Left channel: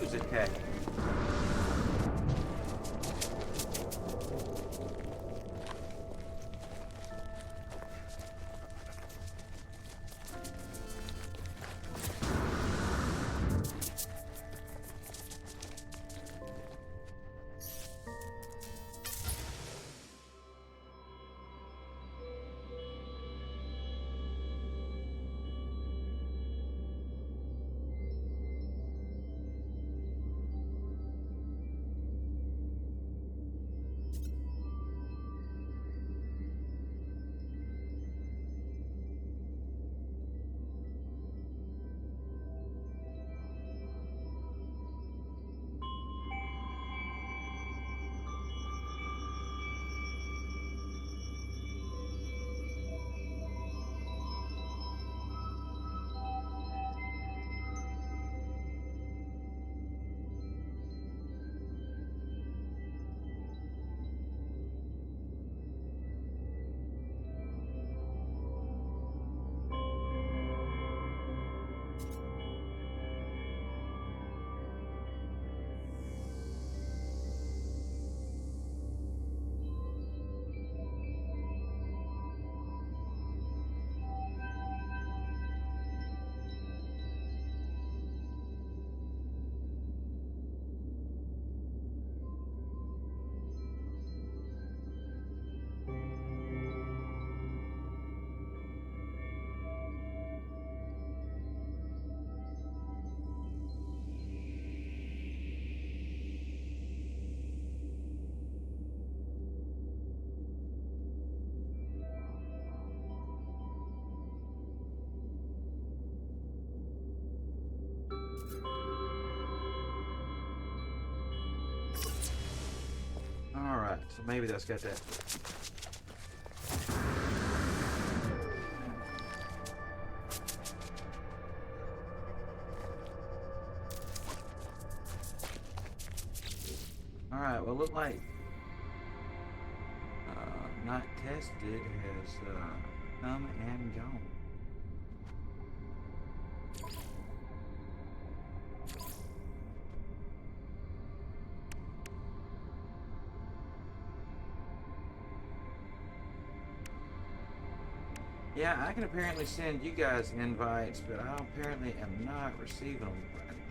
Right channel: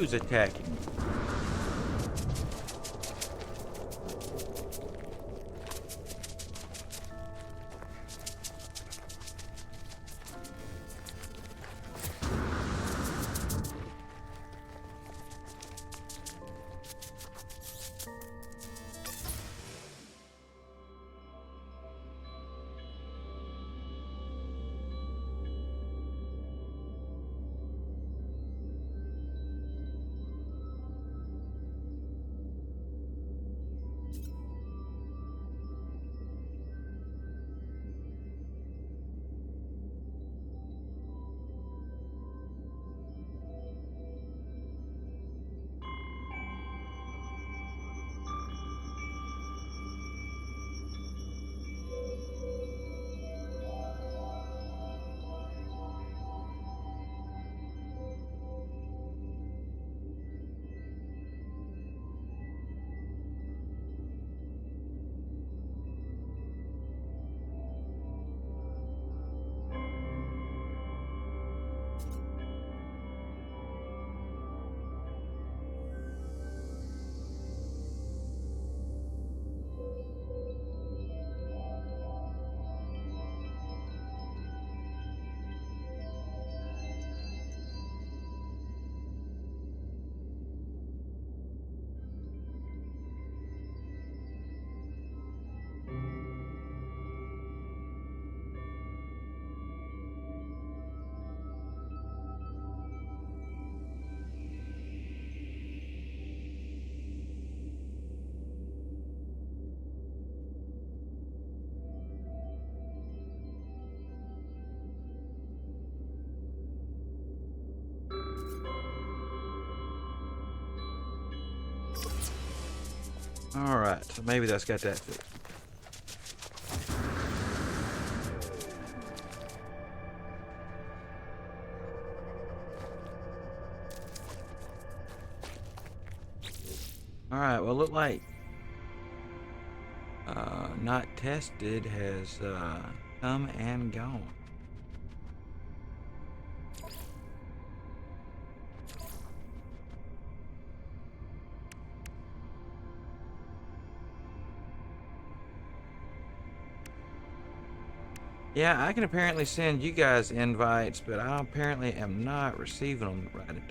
Who's attacking? Alright, so maybe that's got that. Alright, well, look like not tested has come and gone. Yeah, I can apparently send you guys invites, but I apparently am not receiving them right again.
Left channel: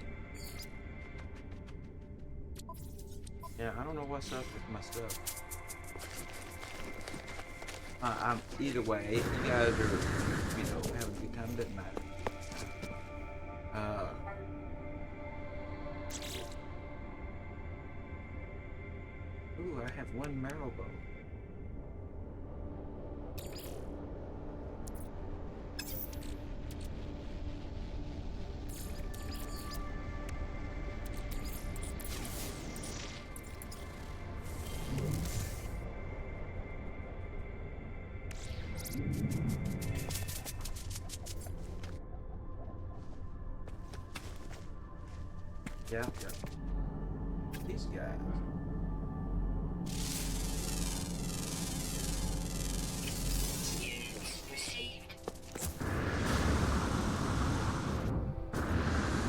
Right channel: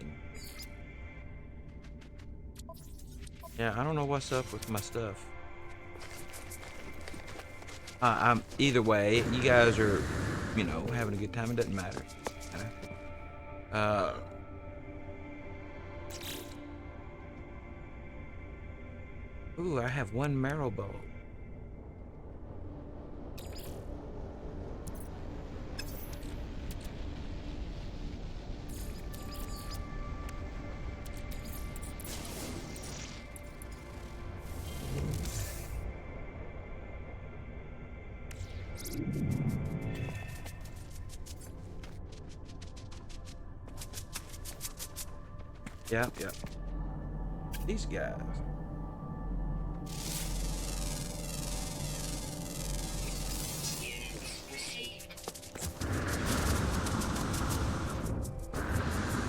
Yeah, I don't know what's up with my stuff. I'm either way. You guys are, you know, having a good time. It doesn't matter. Ooh, I have one marrow bowl. Yeah. These guys.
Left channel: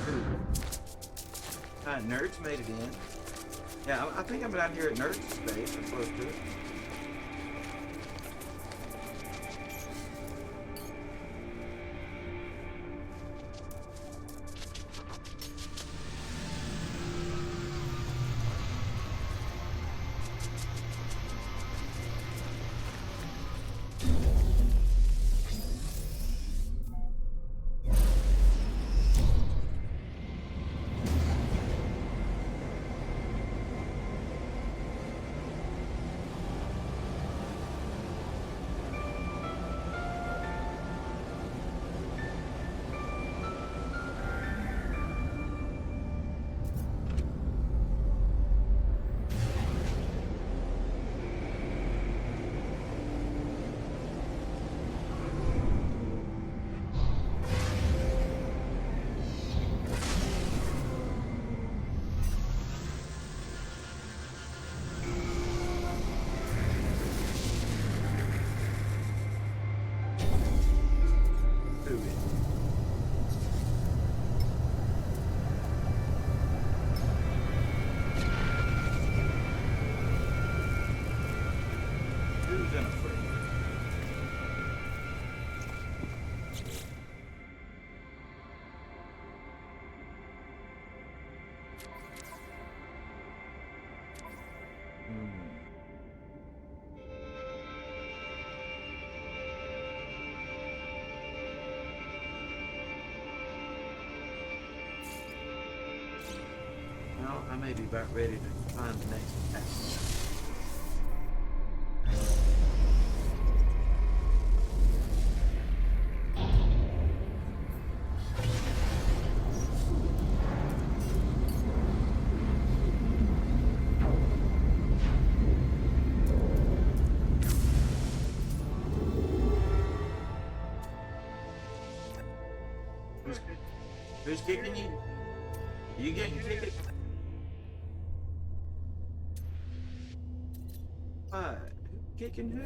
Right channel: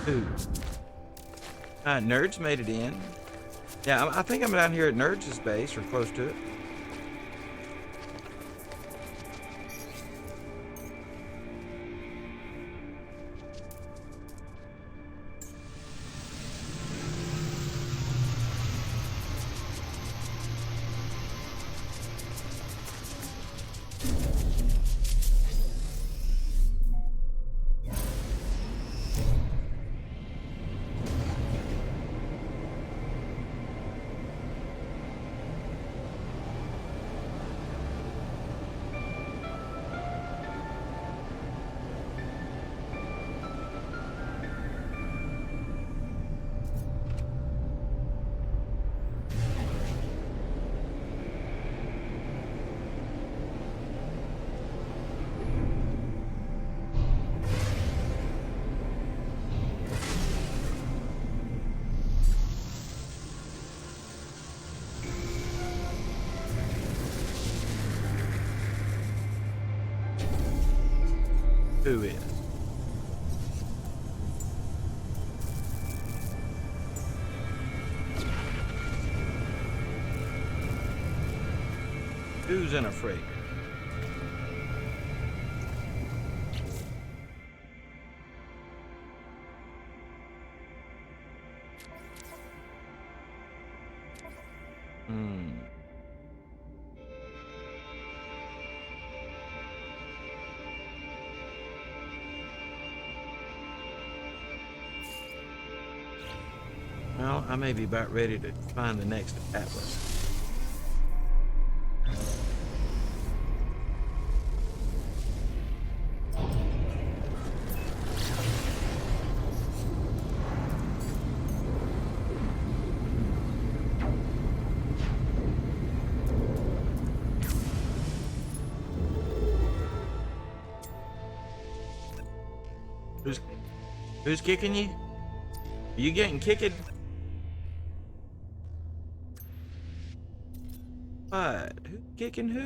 Ooh. Nerds made it in. Yeah, I think I'm down here at Nerds' base, or close to it. Who is? Who's in a frig? Well, I may be about ready to find the next attack. Who's kicking you? Are you getting kicked? What? Who's kicking who?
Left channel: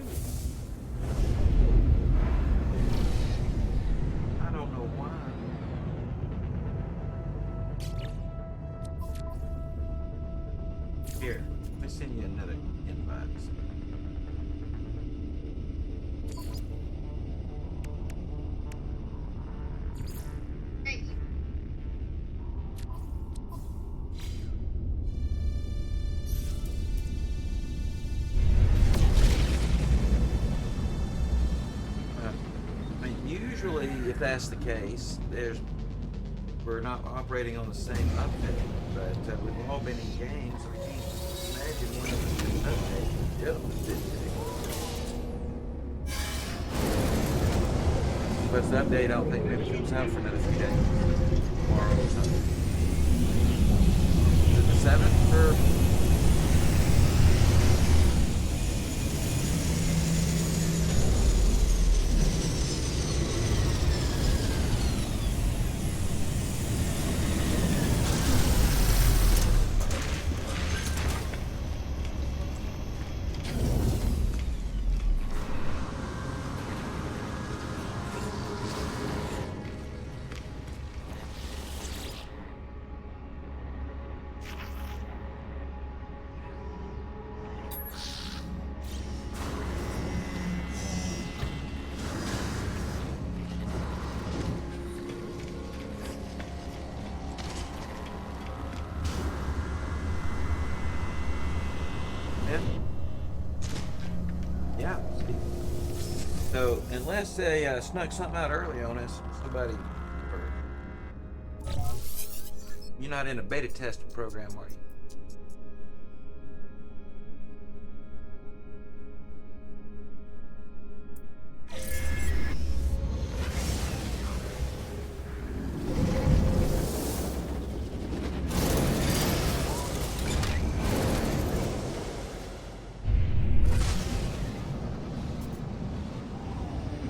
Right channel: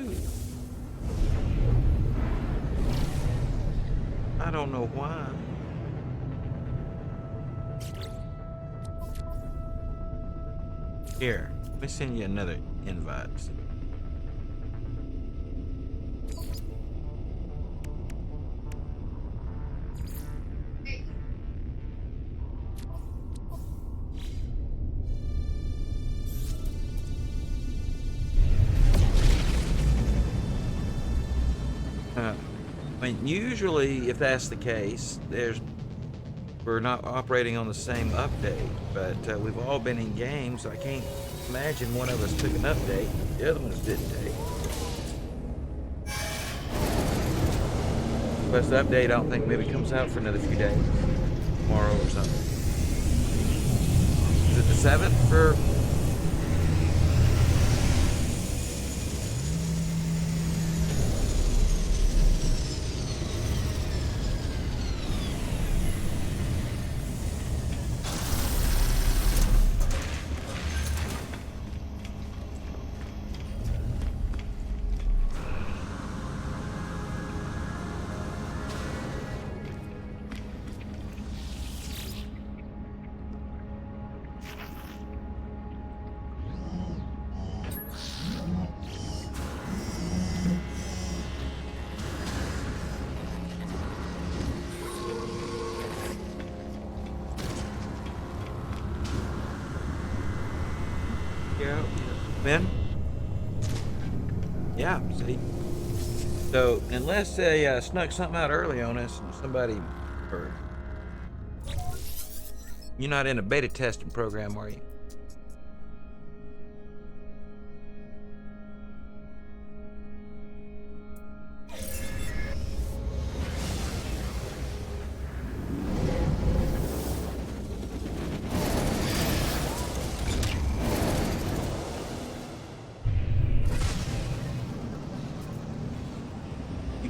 I don't know why. Here, let me send you another invite. I mean, usually, if that's the case, we're not operating on the same update, but we've all been in games. So I can't imagine one of us took an update, the other ones didn't take. Plus, the update, I don't think maybe comes out for another few days, tomorrow or something. Is it the 7th for? Ben? Yeah, see? So, unless they snuck something out early on us, somebody, or you're not in a beta testing program, are you?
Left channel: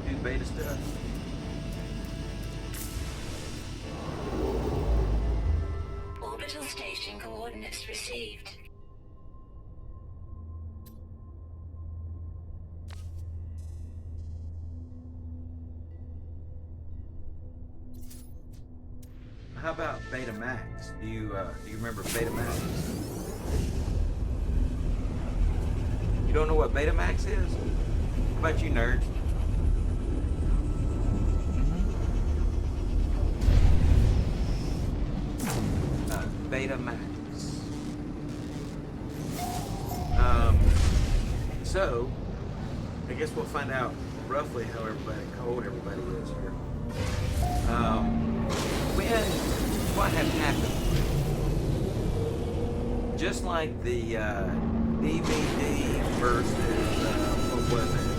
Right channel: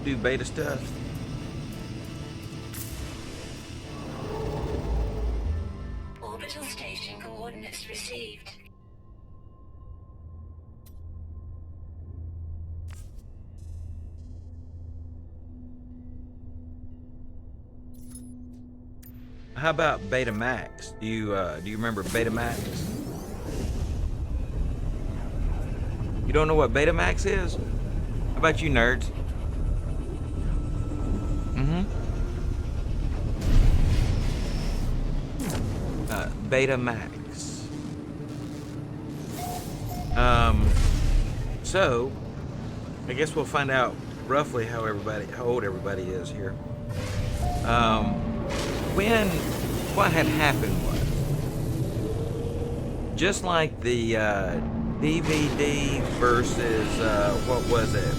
Do beta stuff. Orbital station coordinates received. How about Betamax? Do you remember Betamax? You don't know what Betamax is? How about you nerds? Betamax. So I guess we'll find out roughly how old everybody is here. What had happened was, just like the DVD versus what was it?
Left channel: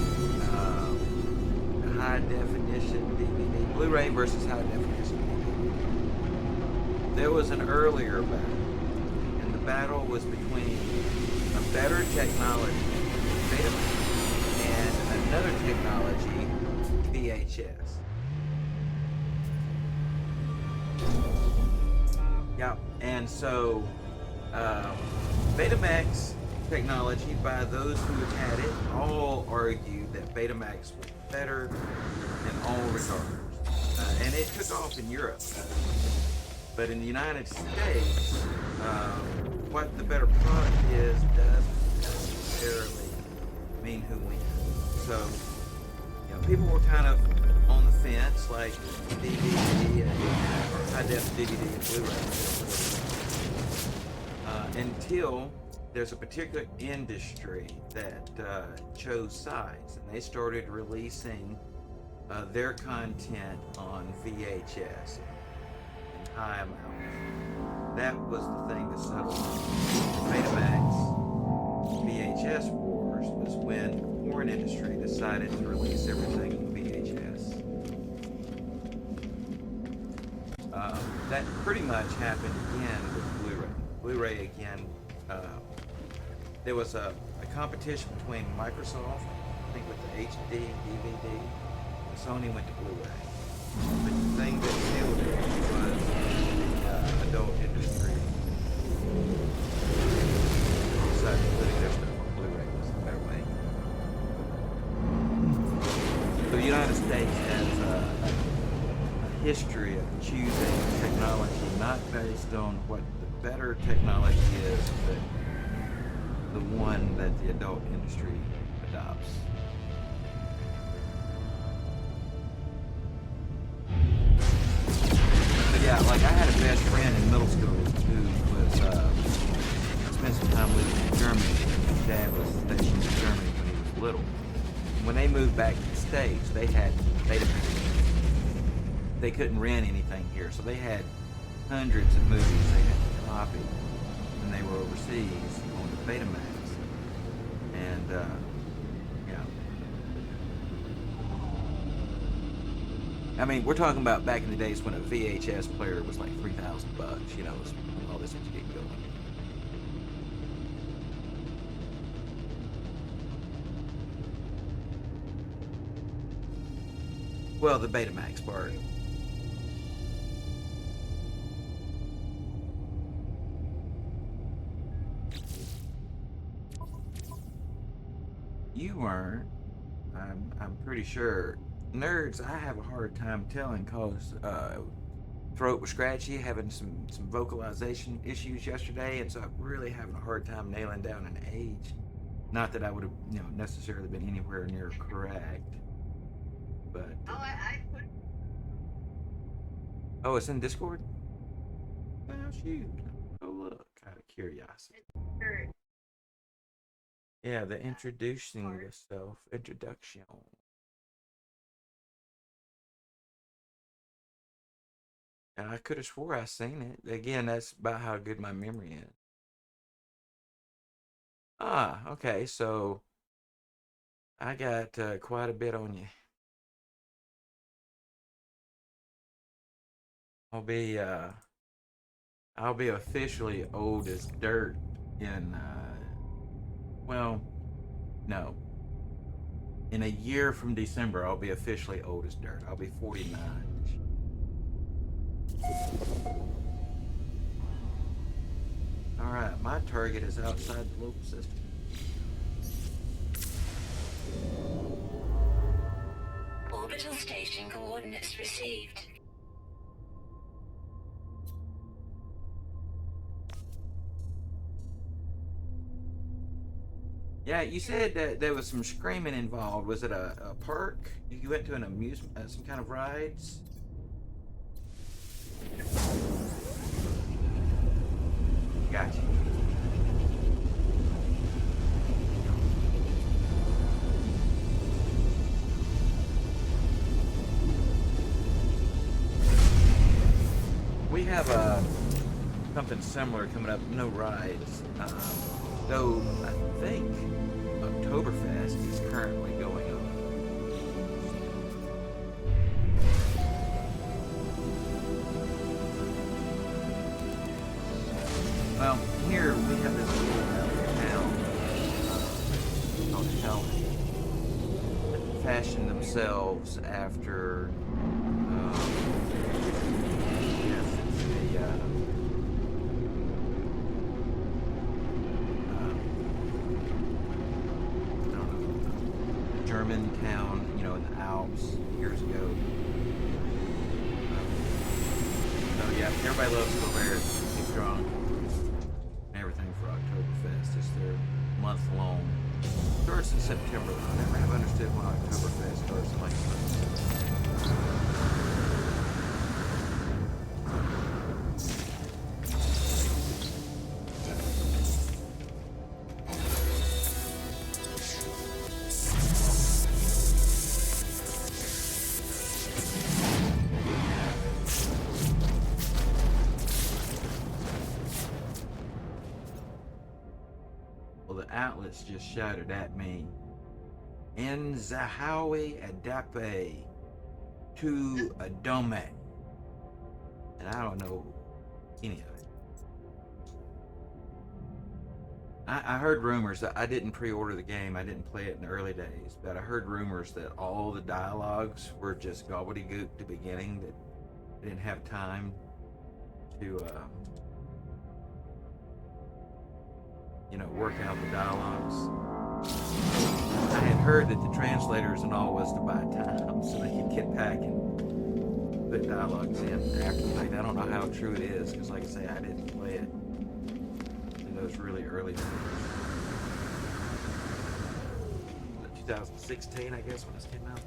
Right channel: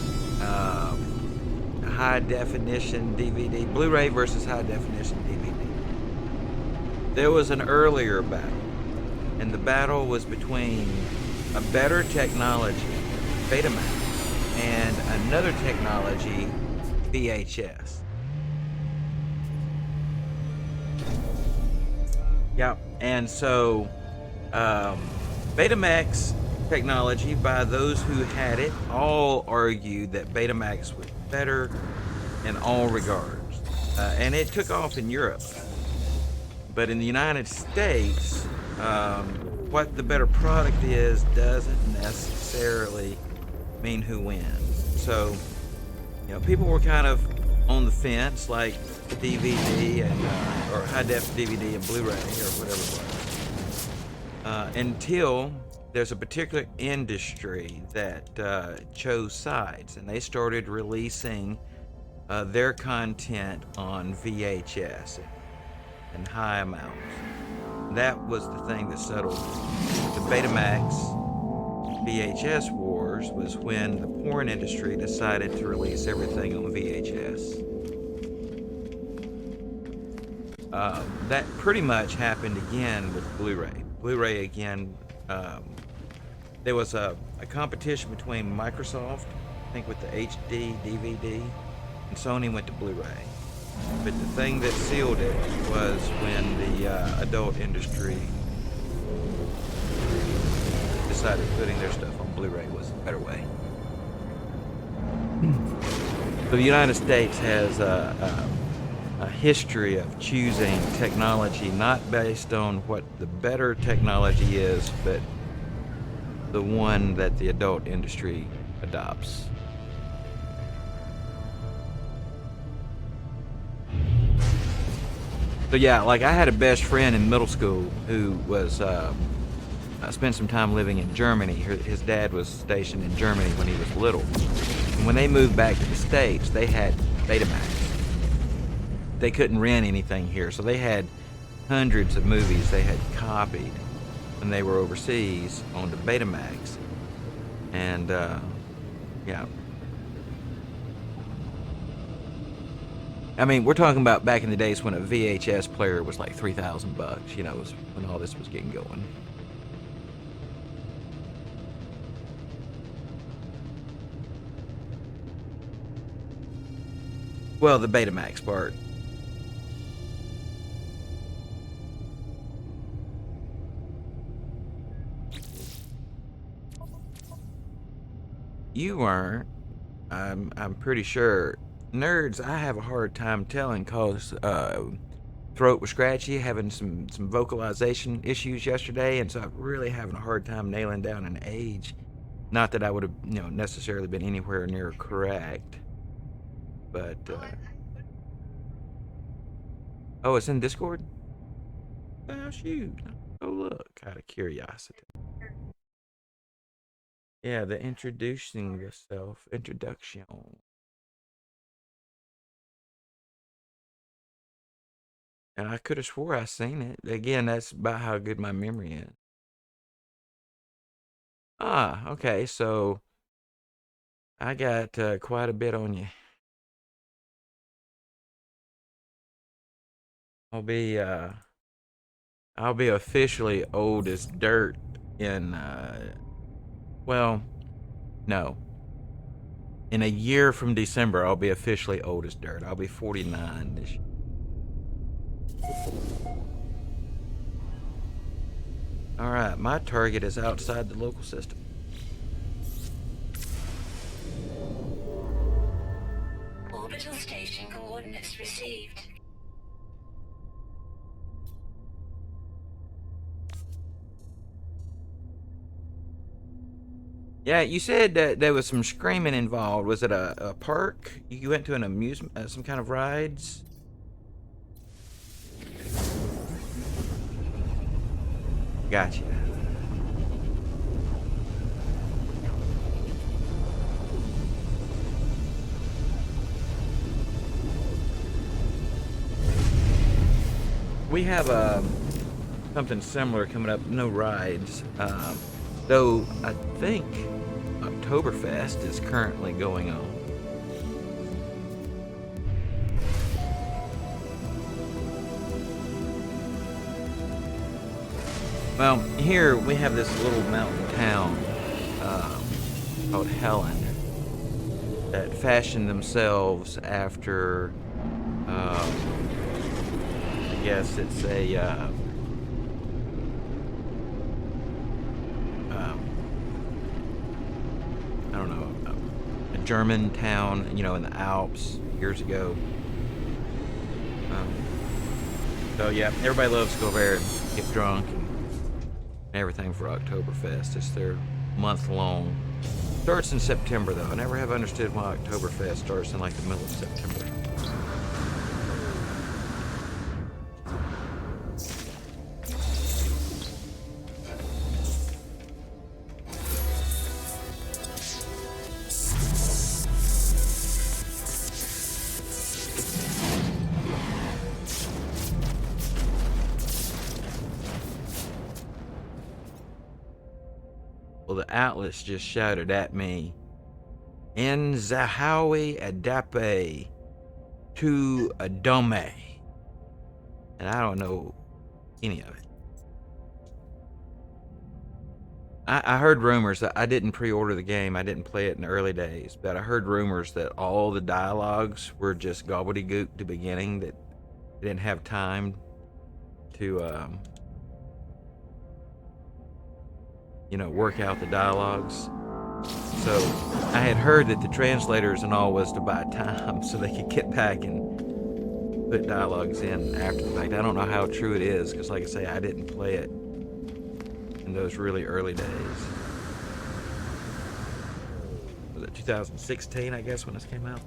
High definition DVD, Blu-ray versus high definition DVD. There was an earlier battle, and the battle was between a better technology, Betamax, and another technology, VHS. Yeah, and so Betamax technology, by those who had it, all argued that Betamax was better in all regards, and it took off in Europe. But in the United States, what the better product is doesn't necessarily mean who wins. so, people were kind of on the fence, like the DVD or high def DVD and Blu-ray or whatever it was, until there's a particular industry that chose sides, and they started releasing their content on VHS in high amounts. That was the thing that settled the Betamax VHS wars, was when the porn industry decided to release everything on VHS. That pretty much happened again with Blu-ray. Blu-ray again, there was a competition between Microsoft, I think with the HD DVD, and Sony went to Blu-ray. But the thing that sealed it was when the adult industry decided putting their stuff on Blu-ray was a better way. So the United States has a history of choosing technology not based on what the better technology is, but the one that the adult industry adopts. So yeah, like I had a best friend in middle school who was spent some time living in Germany. His dad was stationed in Germany when he was little. And when they moved back to the States, they had Betamax. They couldn't rent anything here, so they had hundreds of movies they had copied when they were overseas onto Betamax. And yeah. I mean, we're talking about back in the days when a VHS player was like $3,000, was when all this was getting going. Well, the Betamax part. You weren't. I'm pretty sure. Nerds, I have a hard time telling cause throat was scratchy, having some vocalization issues yesterday, and so I'm really having a hard time nailing down an age. Not that I would have, necessarily been anywhere near correct, but oh, it's in Discord. Oh shoot! Oh look, out of curiosity. Yeah, the introducing yourself introduction. And I could have swore I seen it. Again, that's about how good my memory is. Ah, okay, so I got quite a bit on you. I'll be officially old as dirt in well, no. In a year from December, I'll be officially old as dirt. I'll be 49 this year. All right, my target is outside the local system. Orbital station coordinates received. Yeah, you said that there was some screaming involved. Was it a park? You went to an amusement, some kind of rides? Gotcha. We have something similar coming up. No rides, though. I think Oktoberfest is currently going on. Well, here we have this little mountain town called Helen that fashioned themselves after, yes, it's a, I don't know, a German town, in the Alps years ago. So yeah, everybody loves to go there, get drunk, and everything for Oktoberfest. It's their month-long Starts in September though. I never have understood why Oktoberfest starts in like the middle of September. Well, the Atlas just shouted at me, "En Zahawi Adape to Adome," and I don't know any of it. I heard rumors that I didn't pre-order the game. I didn't play it in the early days, but I heard rumors that all the dialogues were just gobbledygook at the beginning, that they didn't have time to, work out the dialogues. So I had heard that the translators and all was to buy time so they could get back and put dialogues in after the fact. I don't know how true it is, because like I say, I didn't play it in those really early days. Was it 2016, I guess, when this came out?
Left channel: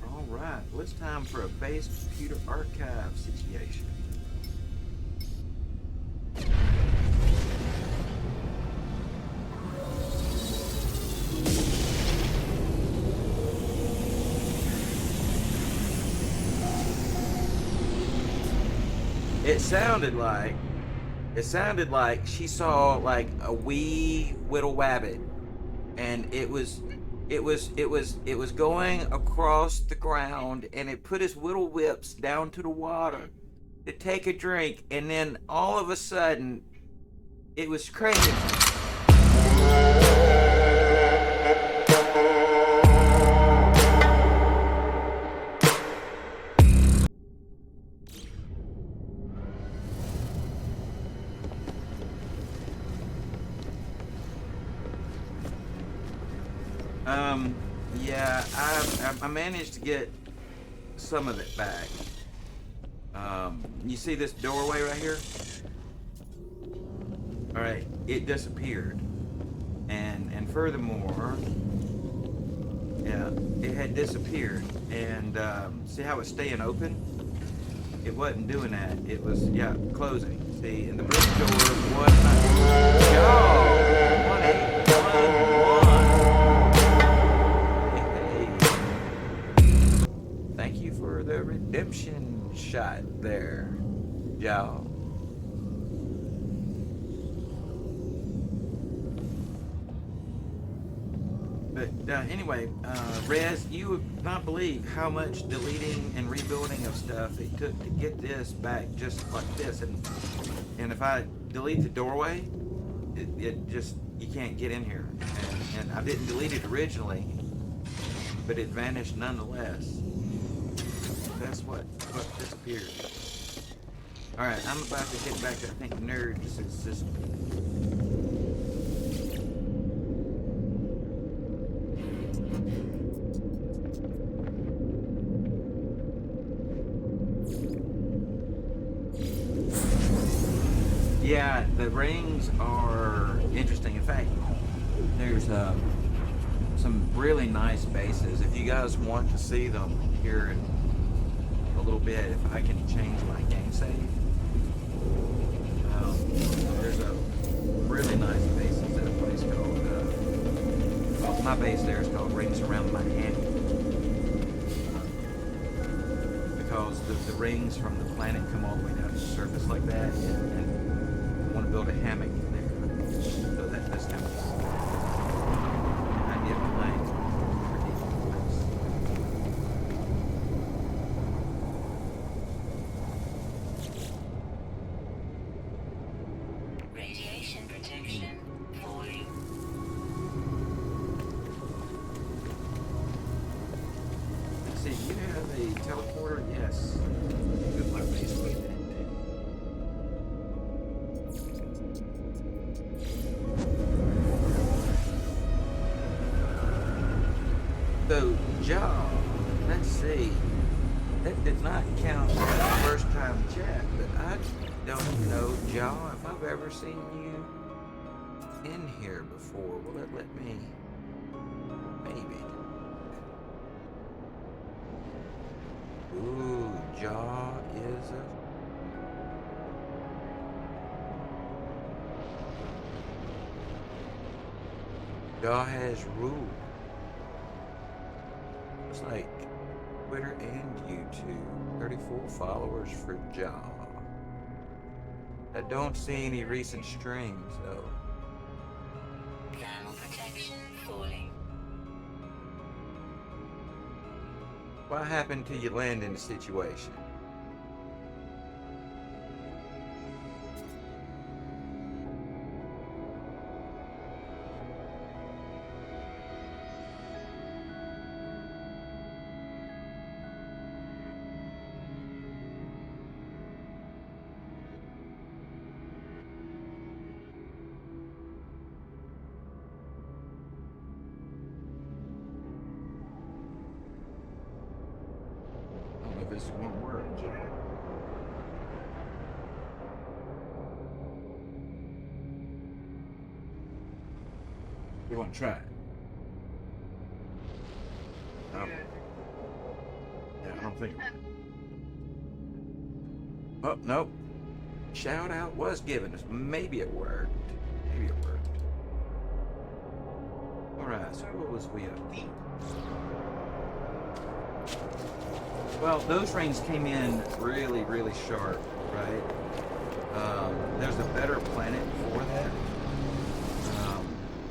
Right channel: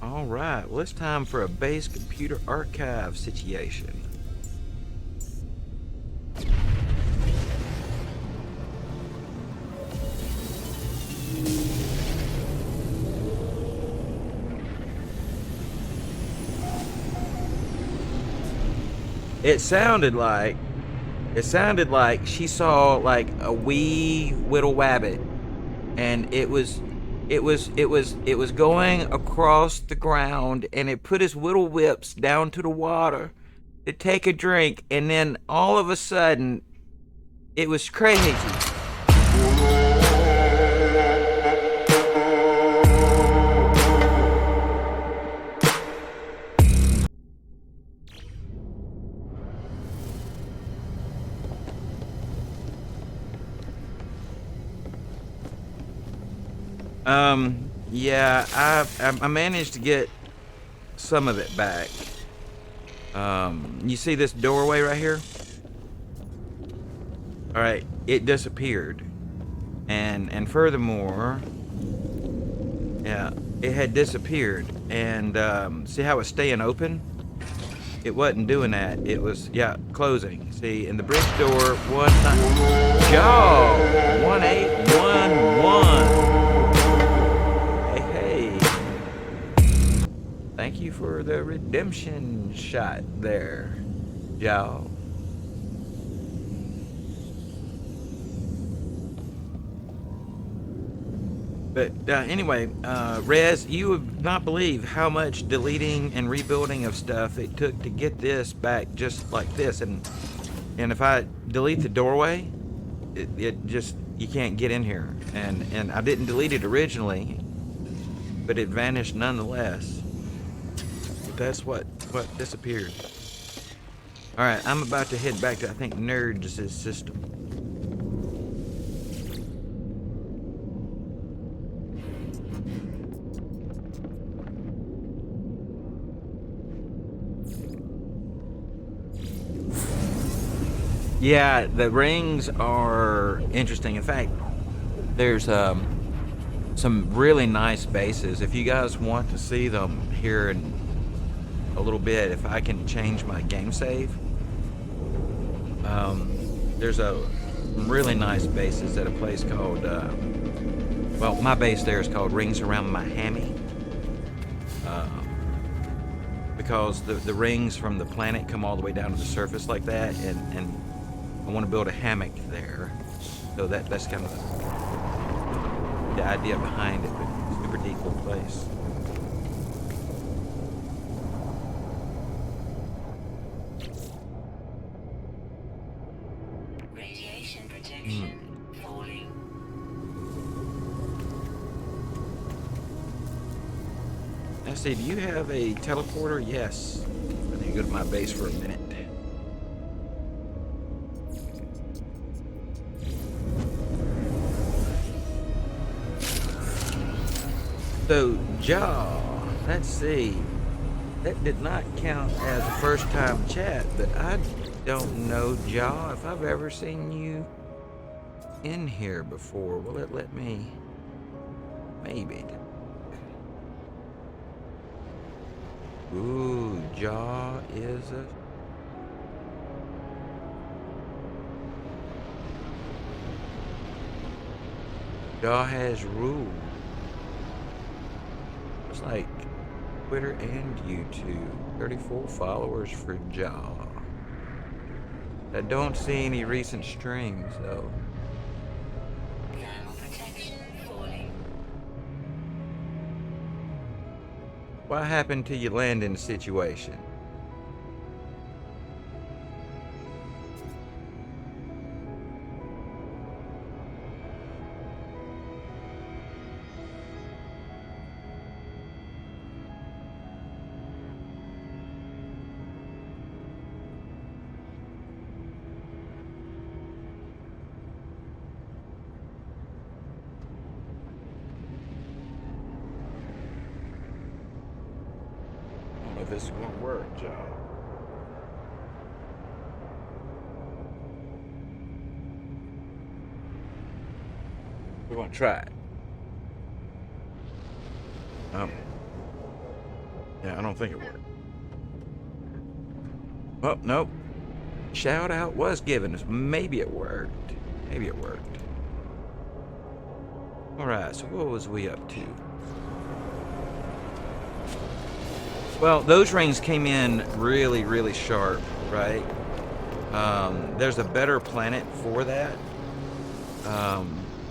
Alright, well, it's time for a base computer archive situation. It sounded like she saw like a wee whittle wabbit, and it was going across the ground, and it put his whittle whips down to the water to take a drink, and then all of a sudden it was crazy. Yeah, I managed to get some of it back. You see this doorway right here? All right, it disappeared, and furthermore, yeah, it had disappeared. And see how it's staying open? It wasn't doing that. It was, yeah, closing. See, and the bridge door was not. Y'all, 1811. Thank you for the redemption shot there, y'all. But anyway, Rez, you would not believe how much deleting and rebuilding of stuff it took to get this back just like this. And if I delete the doorway, it just, you can't get in here. And I didn't delete it originally, but it vanished nonetheless. That's what disappeared. Alright, I'm about to head back to, I think, Nerd's system. Yeah, the rings are interesting. In fact, there's some really nice bases. If you guys want to see them here in a little bit, if I can change my game save, there's a really nice bases at a place called well, my base there is called Rings Around Miami, because the rings from the planet come all the way down to the surface like that, and I want to build a hammock there, so that's kind of the idea behind it. Super deep place. See, do you have a teleporter? Yes. Let me go to my base for a minute. So, jaw. Let's see. That did not count as a first time chat, but I don't know, jaw, if I've ever seen you in here before. Will it let me? Maybe. Ooh, jaw is a. Jaw has rules. It's like Twitter and YouTube. 34 followers for Jaw. I don't see any recent strings though. Thermal protection falling. What happened to your landing situation? I don't know if this is gonna work, Joe. We want to try it. Yeah, I don't think it worked. Oh, nope. Shout out was given us. Maybe it worked. Maybe it worked. Alright, so what was we up to? Well, those rings came in really, really sharp, right? There's a better planet for that.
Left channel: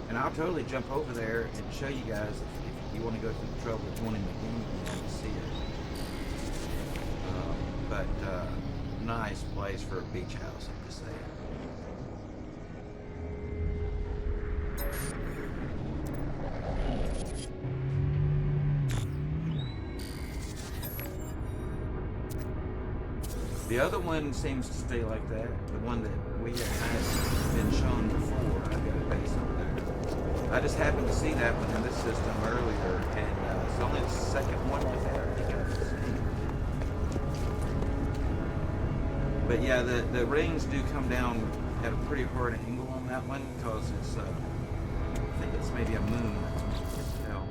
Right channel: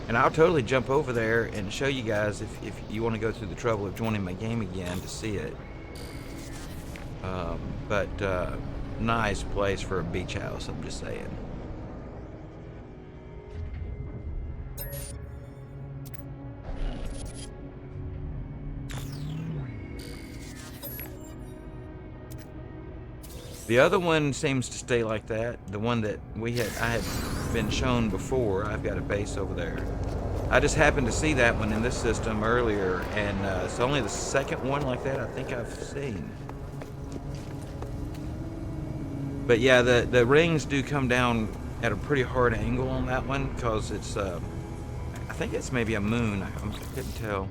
And I'll totally jump over there and show you guys if you want to go through the trouble of joining my game again to see it. But nice place for a beach house, I'm just saying. The other one seems to stay like that. The one that I had been shown before. I've got a base over there. I just happened to see that one in this system earlier, and it's only the second one like that I think I've seen. But yeah, the rings do come down at a pretty hard angle on that one because it's I think it's maybe a moon. I couldn't tell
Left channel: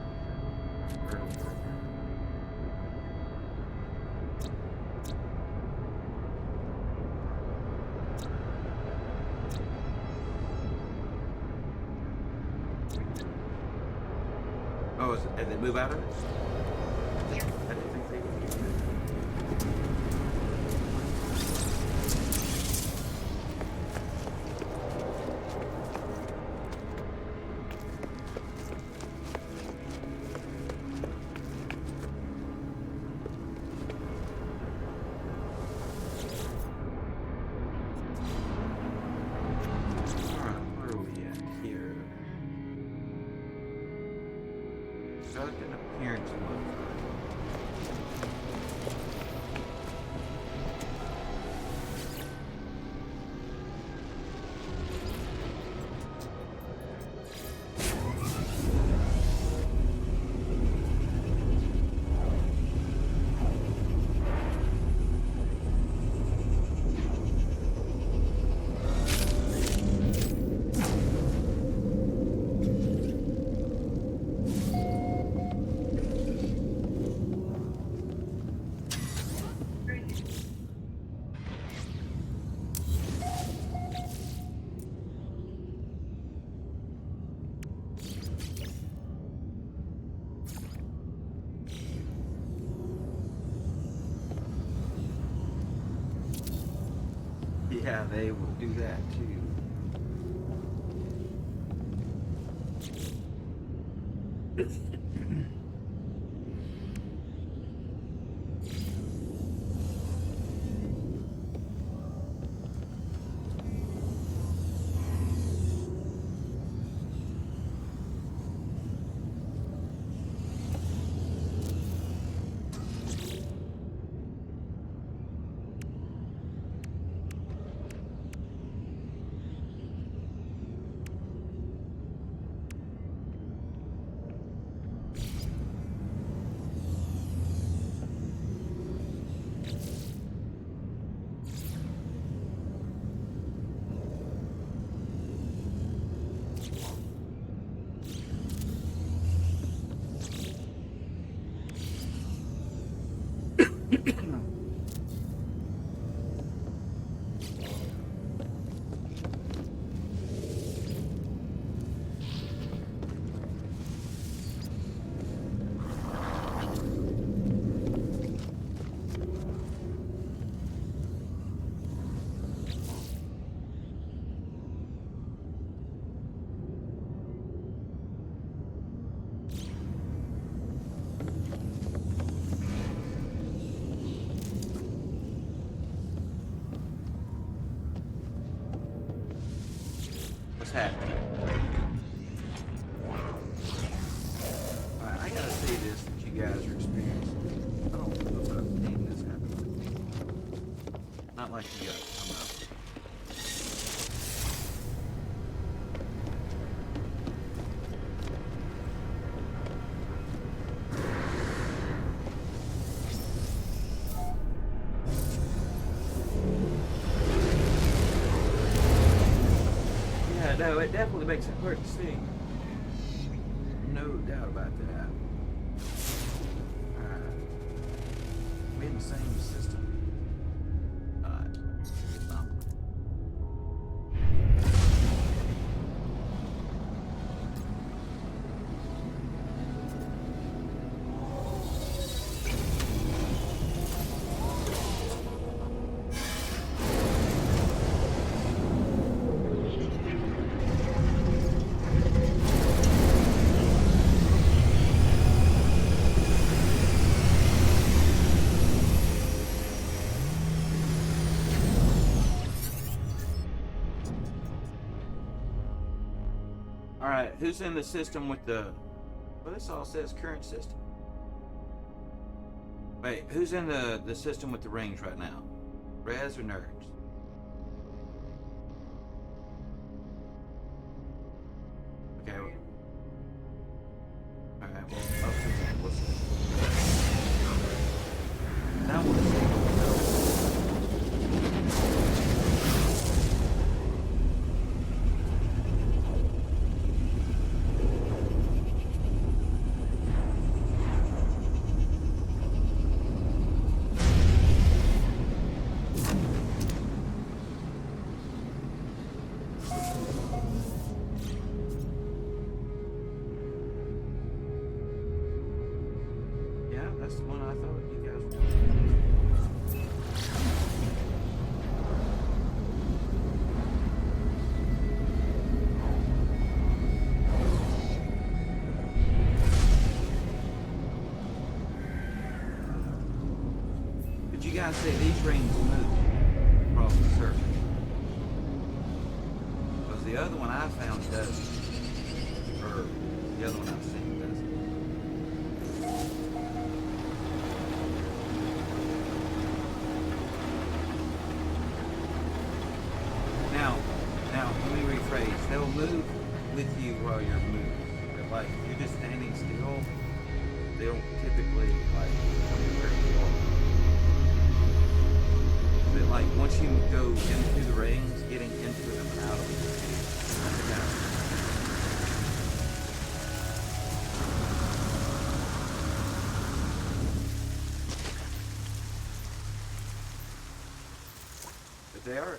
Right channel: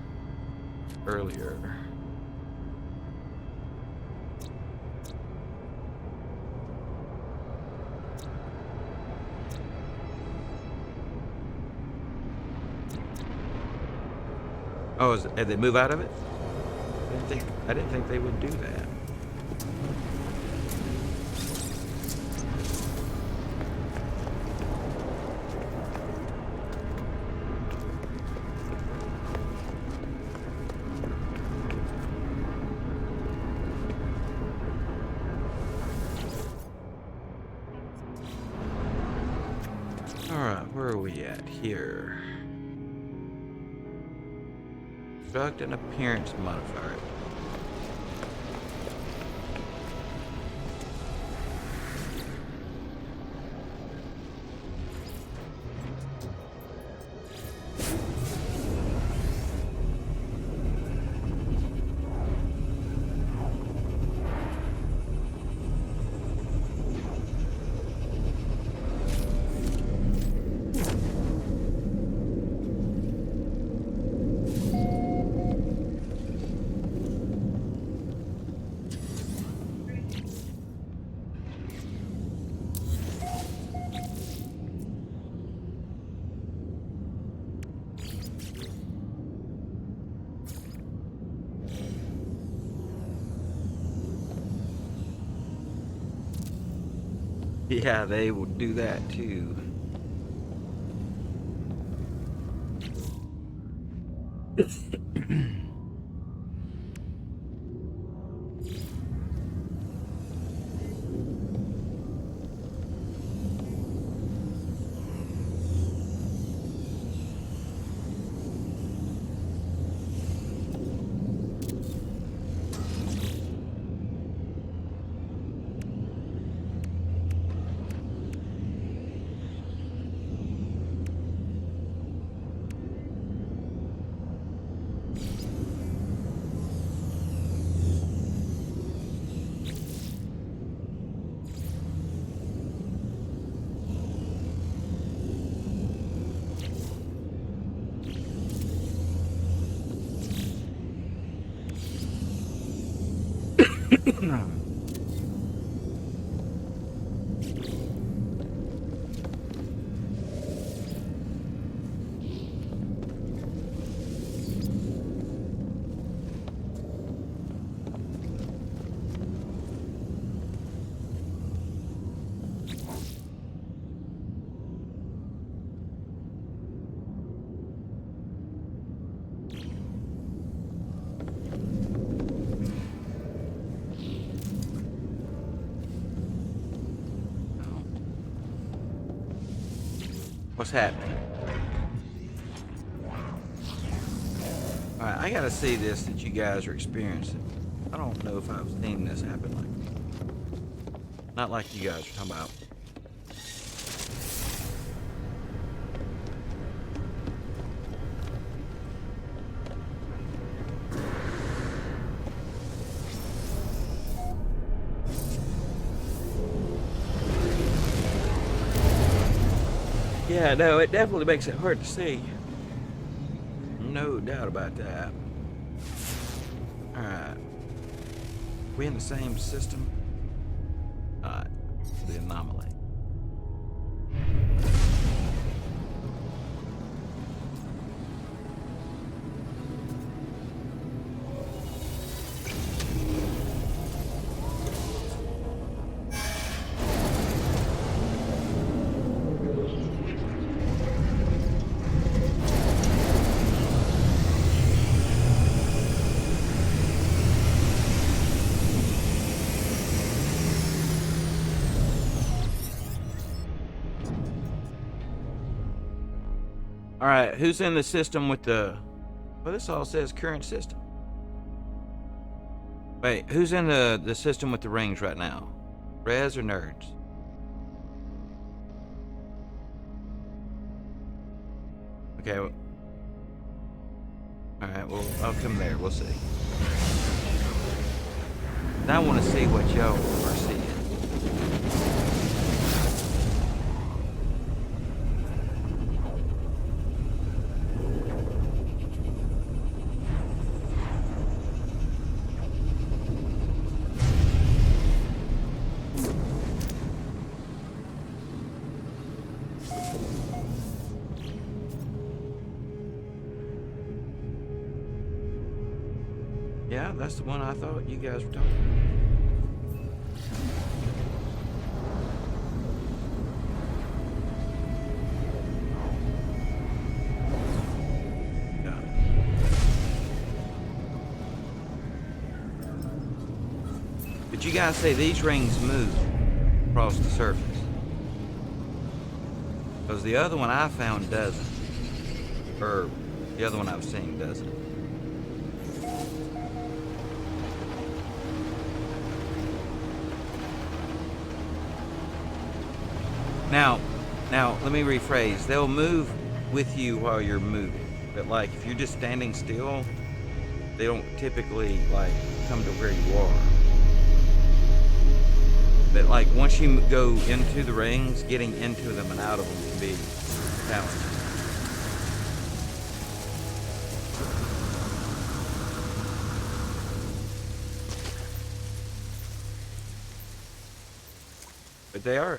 earlier. Oh, did they move out of it? I didn't think they would do that. Alright, where are we at here? Construct an appearance modifier. Yeah, they would do that too. What's happening? Alright, I gotta see this that you guys are experiencing. I don't know if I've seen this happen like not like you guys are talking about. Yeah, no, it definitely makes it hard to see. No doubt about that. Alright. We in the same system? Alright. The anomaly. Alright, who's in the system with the... Well, this all says current system. Wait, who's in the system with the rings right now? Rez or nerds? Okay. Well, alright, well, I'll come there. We'll see. Now I want to see what y'all are seeing. Yeah, that's the one I thought you guys were talking about. But you guys say these rings move across the surface. Because the other one I found doesn't. Or the other one I've seen doesn't. Now, let me rephrase. They'll move with you while you're moving. But like, if you're just standing still, they don't typically like come to where you are. But like, once you go into the rings, getting into them and out of them can be challenging.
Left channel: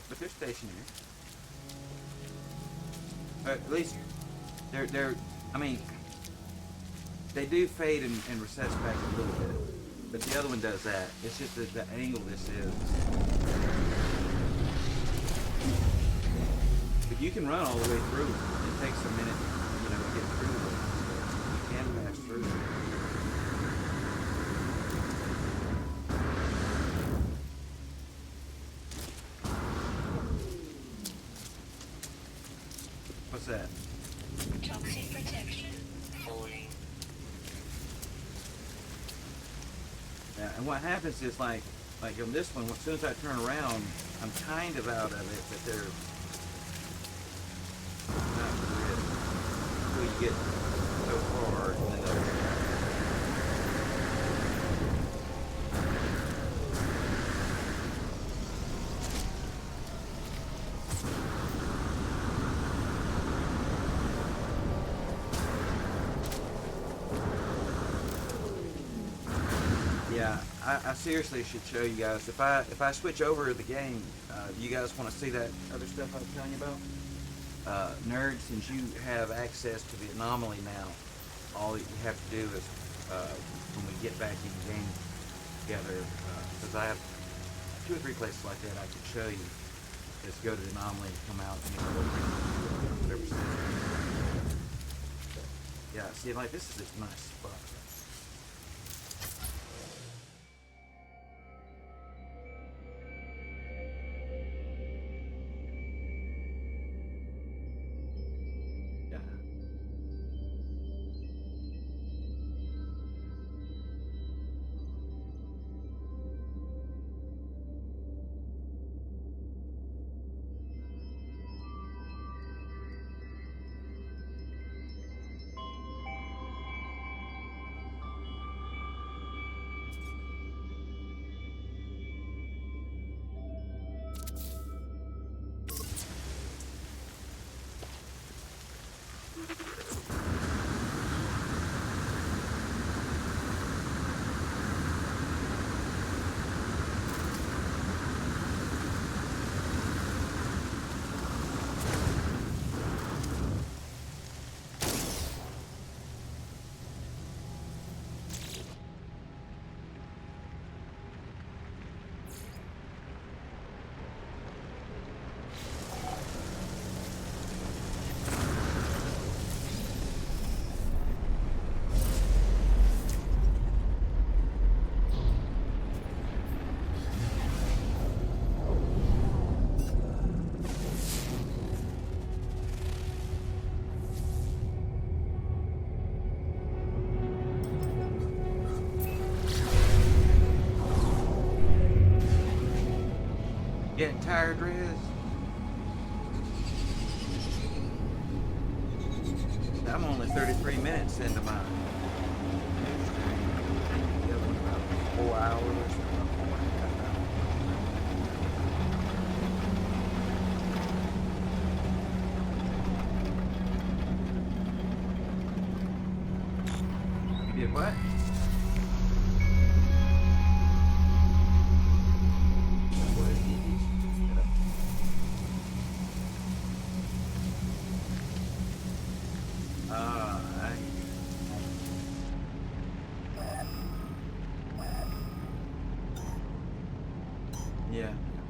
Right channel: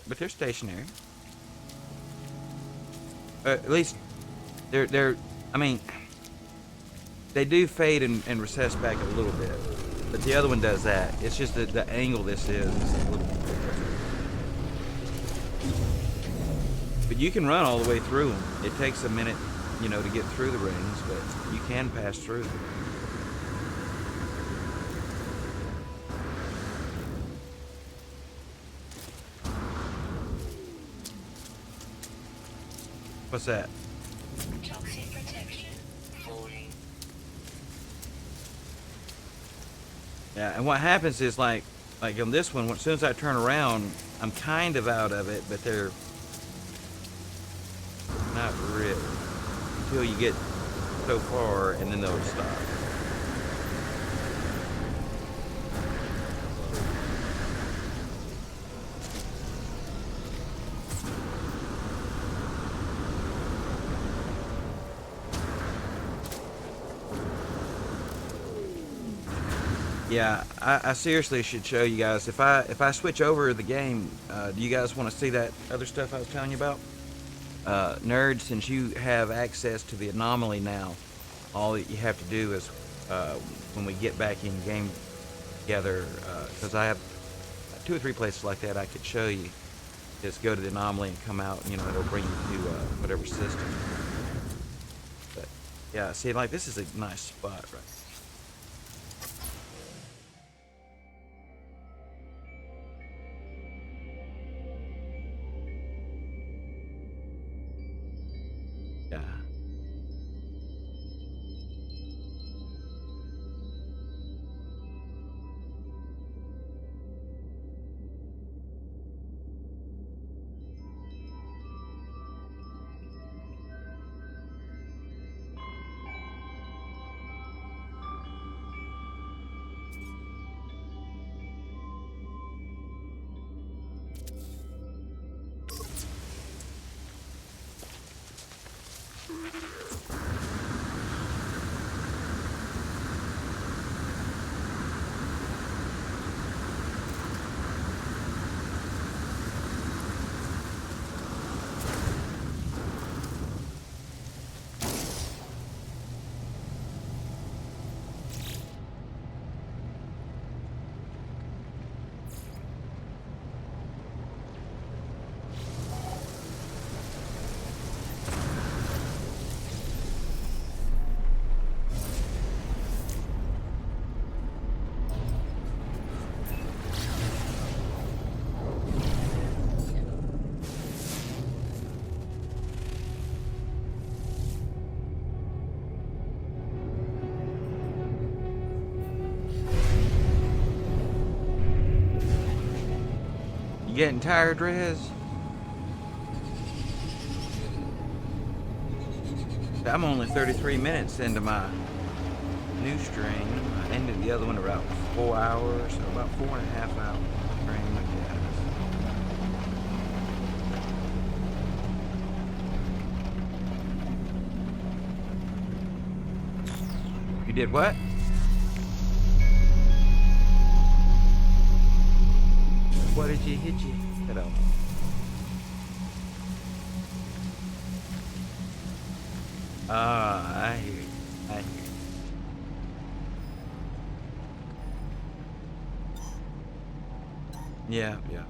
But they're stationary. At least they're I mean, they do fade and recess back a little bit, but the other one does that. It's just that the angle this is. But you can run all the way through them. It takes a minute, you know, to get through the rings, but you can pass through them. What's that? Toxic protection falling. Yeah, and what happens is like on this one, as soon as I turn around, I'm kind of out of it, but they're not really until you get so far, and then they'll stop. Yeah, I seriously should show you guys. If I switch over the game, do you guys want to see that other stuff I was telling you about? Nerd, since you have access to the anomaly now, all that you have to do is uh, when we get back in game together, because I have 2 or 3 places like that I could show you. Just go to the anomaly and come out. You know, it'll bring you to whatever system. But yeah, see, like this is a nice spot, right? Yeah. You getting tired, Rez? I'm only 33 minutes into my new stream. I ended the other one about 4 hours, so about 4.5 hours. You did what? What did you hit you? Hello. I hear you. I hear you. Yeah, yeah.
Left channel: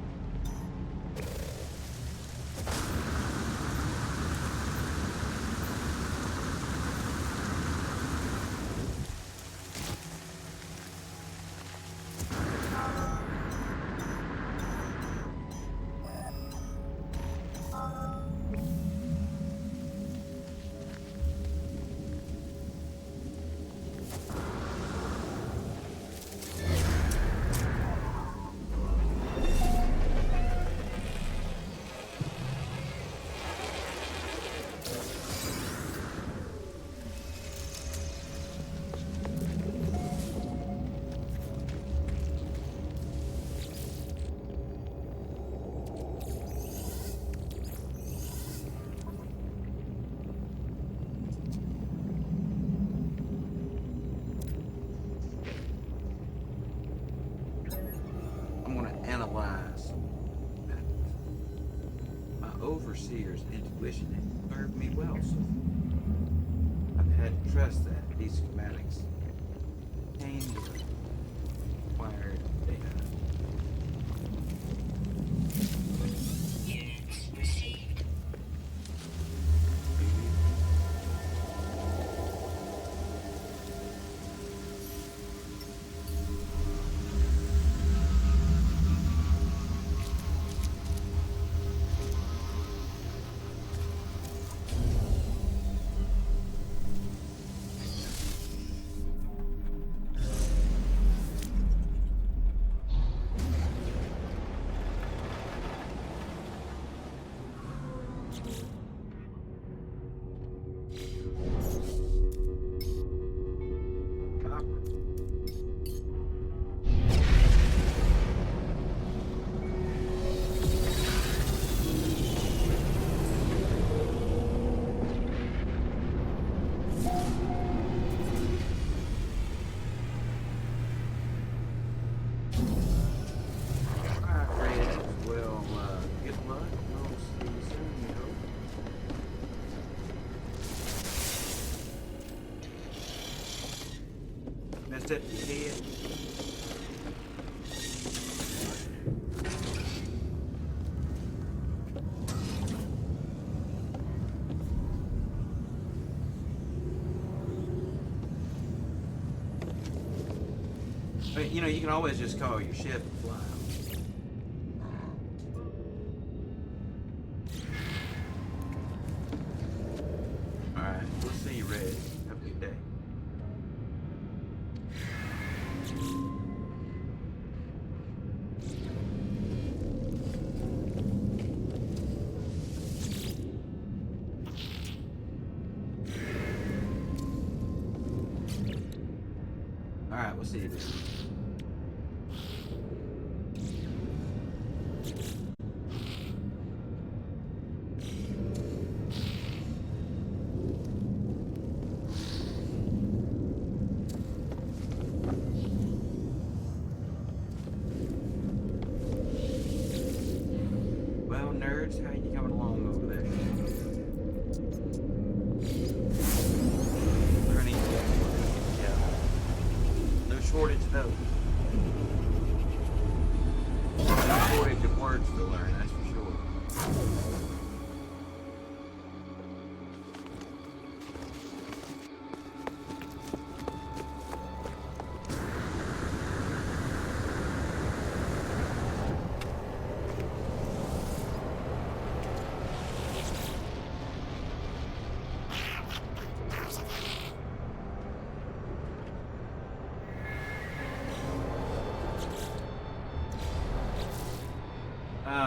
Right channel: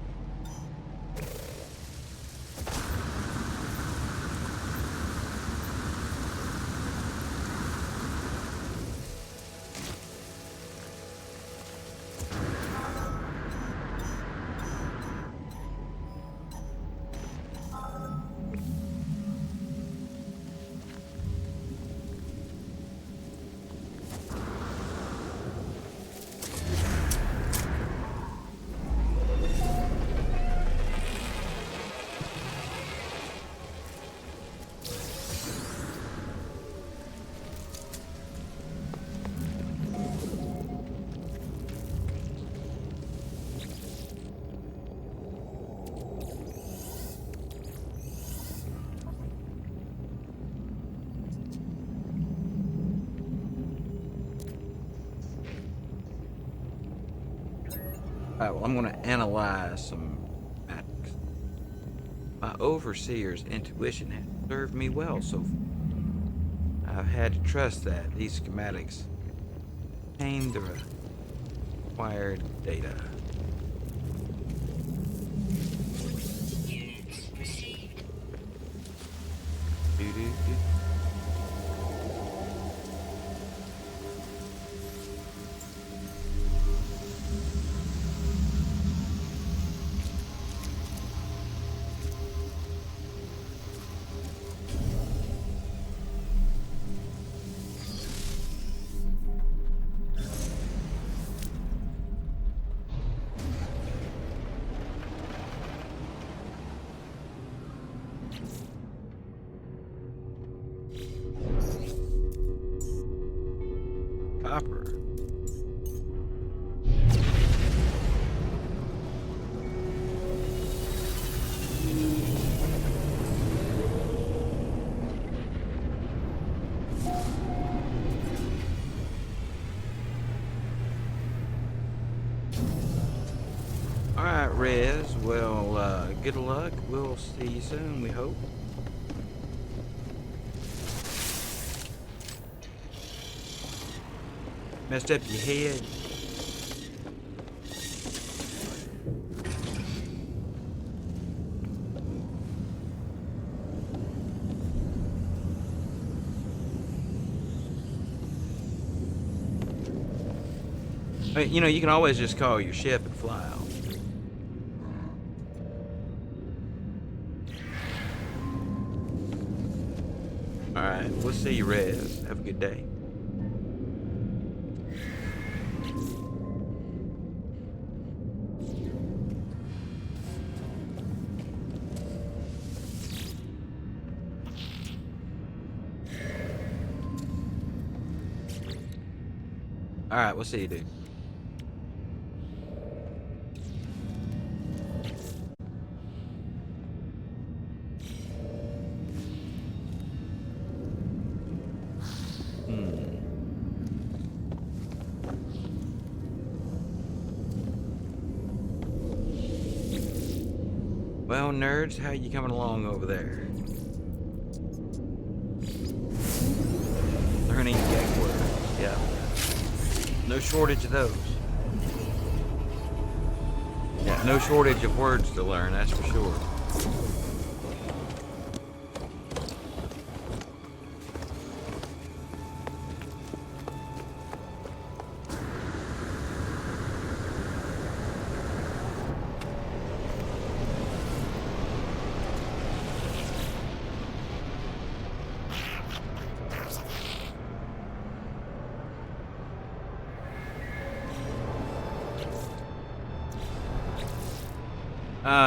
Alright, well, I'm going to analyze some matters. My overseer's intuition has served me well so far. I've had to trust that these schematics contain the required data. Units received. Doo-doo-doo. Copper. good luck. We'll see you soon, we hope. Messed up your head. You know, you can always just call your ship and fly out. Alright, we'll see you, Rez. Have a good day. Alright, we'll see you, dude. Well, nerds, how you coming along over there? Learning gag words, yeah. No shortage of those. No shortage of words to learn, that's for sure.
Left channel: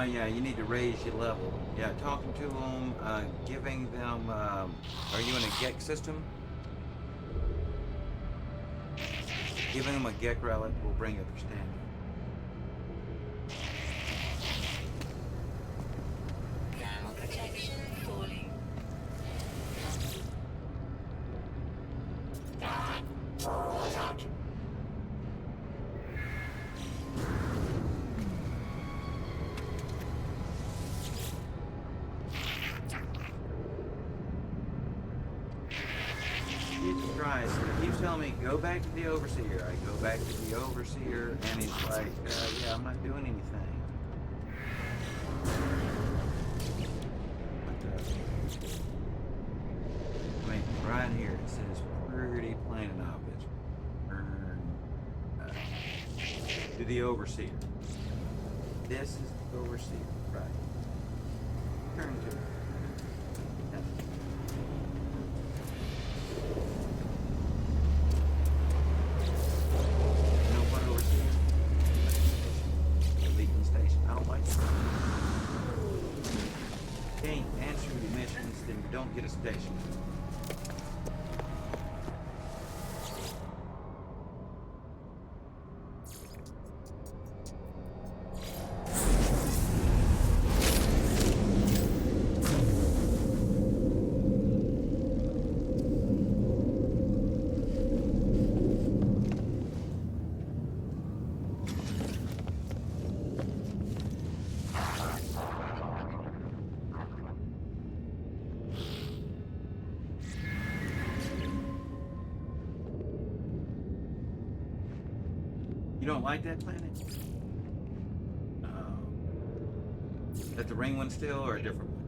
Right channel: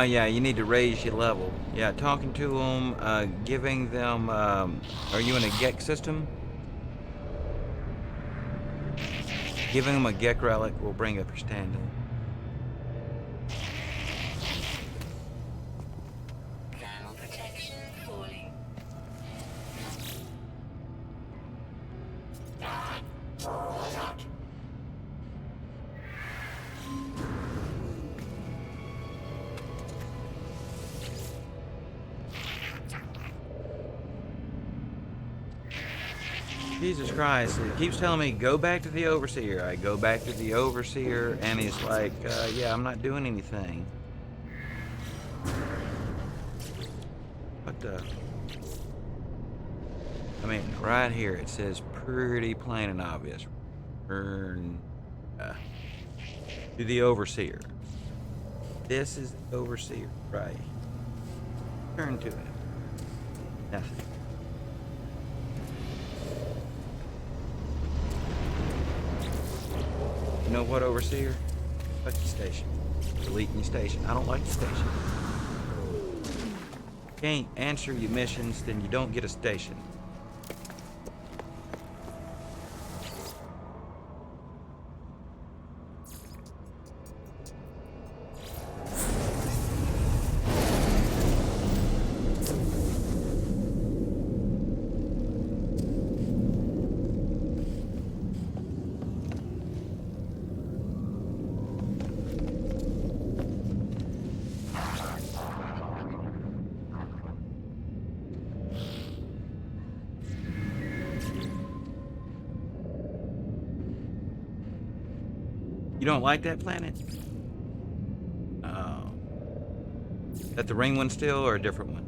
Yeah, you need to raise your level. Yeah, talking to them, giving them, are you in a GEC system? Giving them a GEC relic will bring up your standing. Thermal protection falling. Jesus Christ, he keeps telling me, go back to the Overseer. I go back to the Overseer, and he's like, yeah, I'm not doing anything. What the? I mean, right here, it says pretty plain and obvious. Turn to the Overseer. This is the Overseer, right? Turn to it. Nothing. You know what, Overseer? Fuck the station. Deleting your station. I don't like the station. Can't answer your missions, then you don't get a station. You don't like that planet? Oh. That the ring one still, or a different one?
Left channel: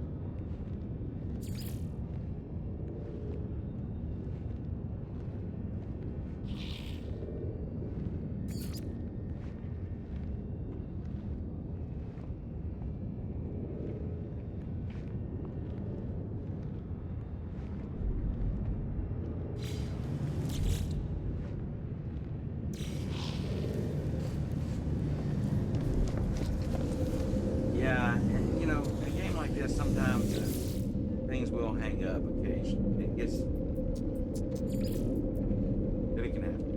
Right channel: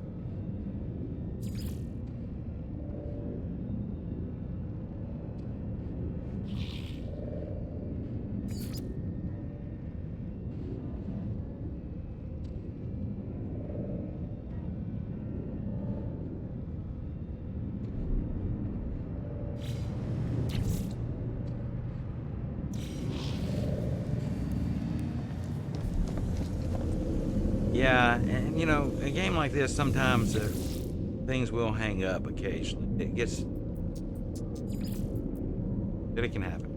Yeah, and you know, a game like this, sometimes things will hang up occasionally. It gets... But it can happen.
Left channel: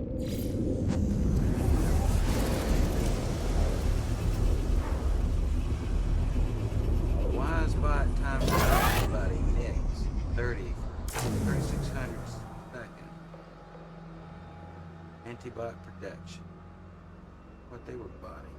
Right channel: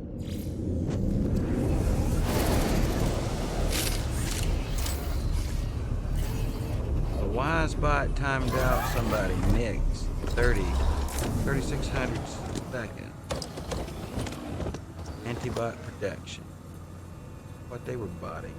A wise bot timed out somebody, Nix, 3600 seconds. Anti-bot protection. What they were botting.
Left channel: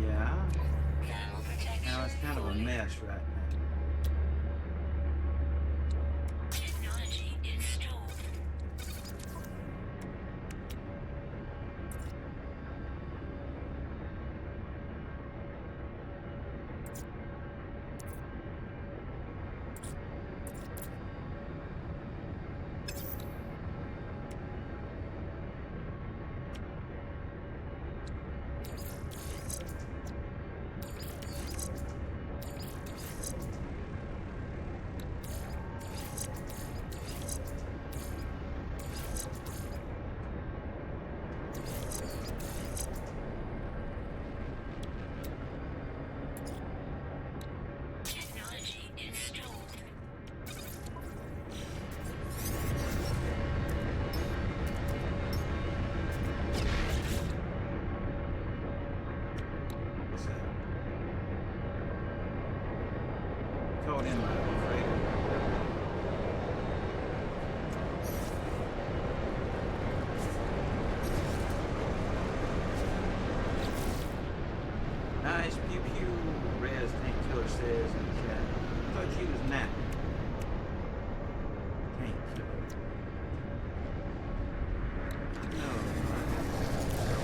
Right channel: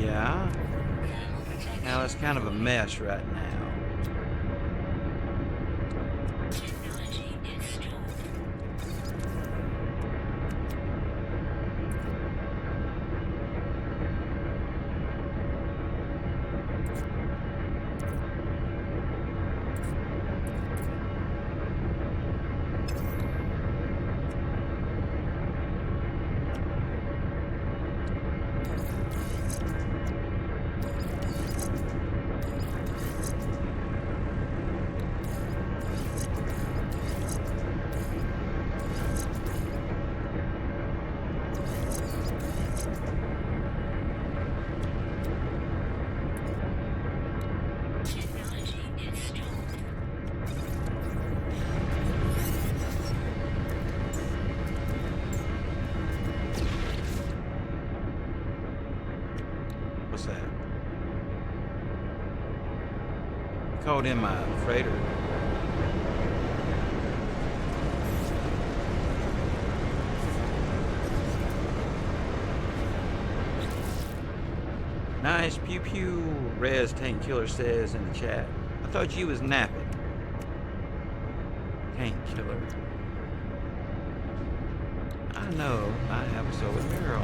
Yeah. Thermal protection. Now it's kind of a mess right now. Technology installed. Technology installed. What's that? Called in my freighter. Nice pew pew, Rez Tank Killer says in the chat. I thought you was napping. Tank Killer. I know, I have so girl.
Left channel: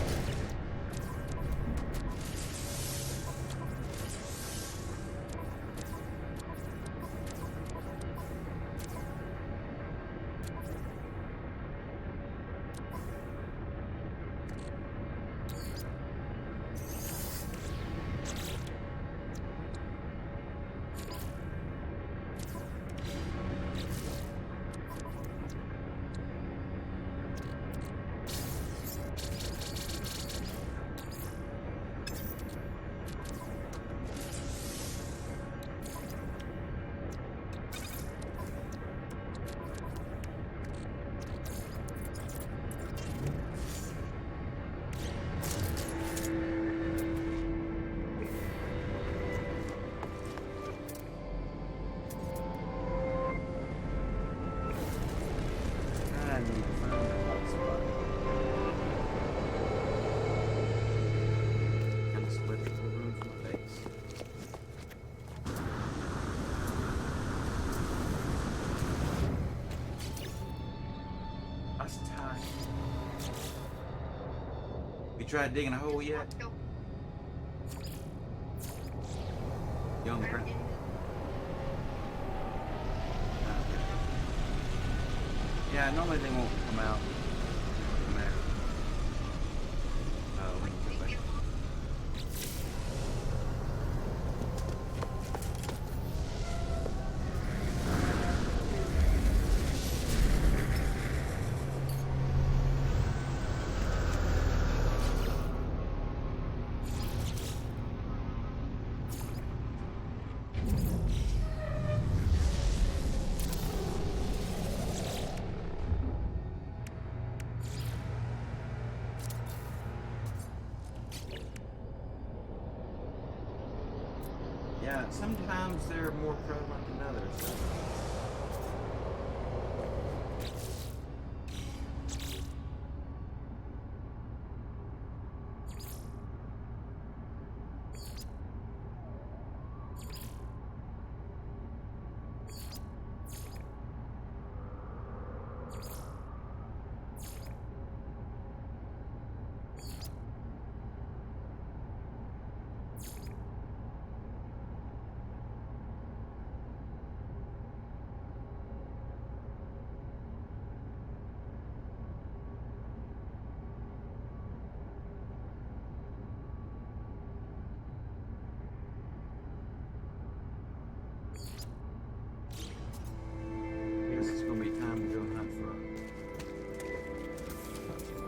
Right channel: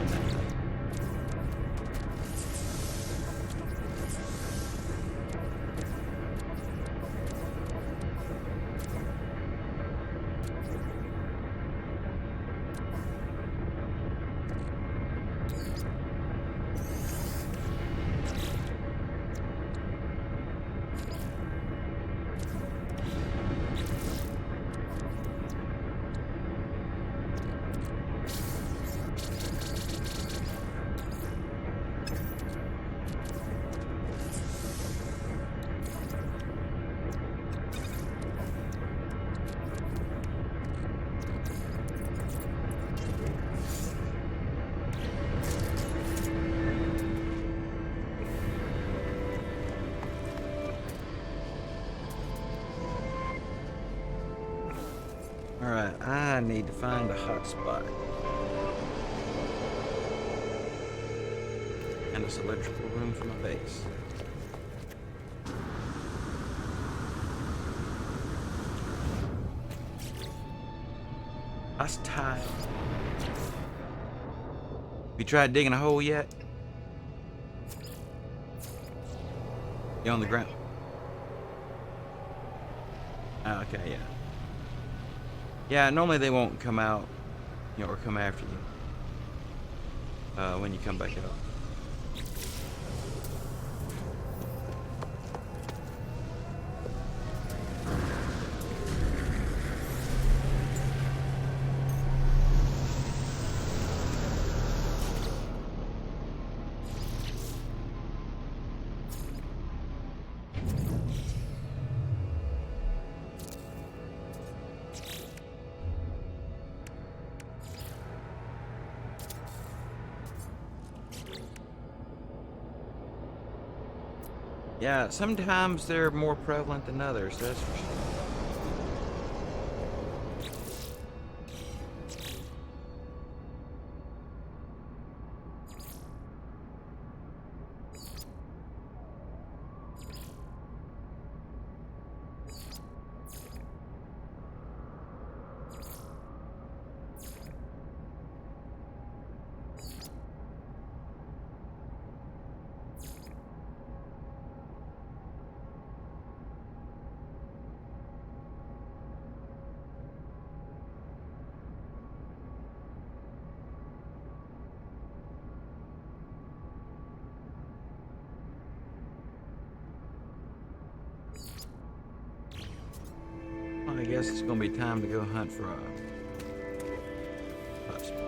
I need to find a hot spot. And this electrical room for my base. That's tight. You tried digging a hole yet? You on the ground? Ah, okay, yeah. Yeah, normally they won't come out, you know, or come after you when you come back up. Yeah, sometimes they're more prevalent than others, that's for sure. Well, I guess it's gonna be time to go hunt for a hot spot.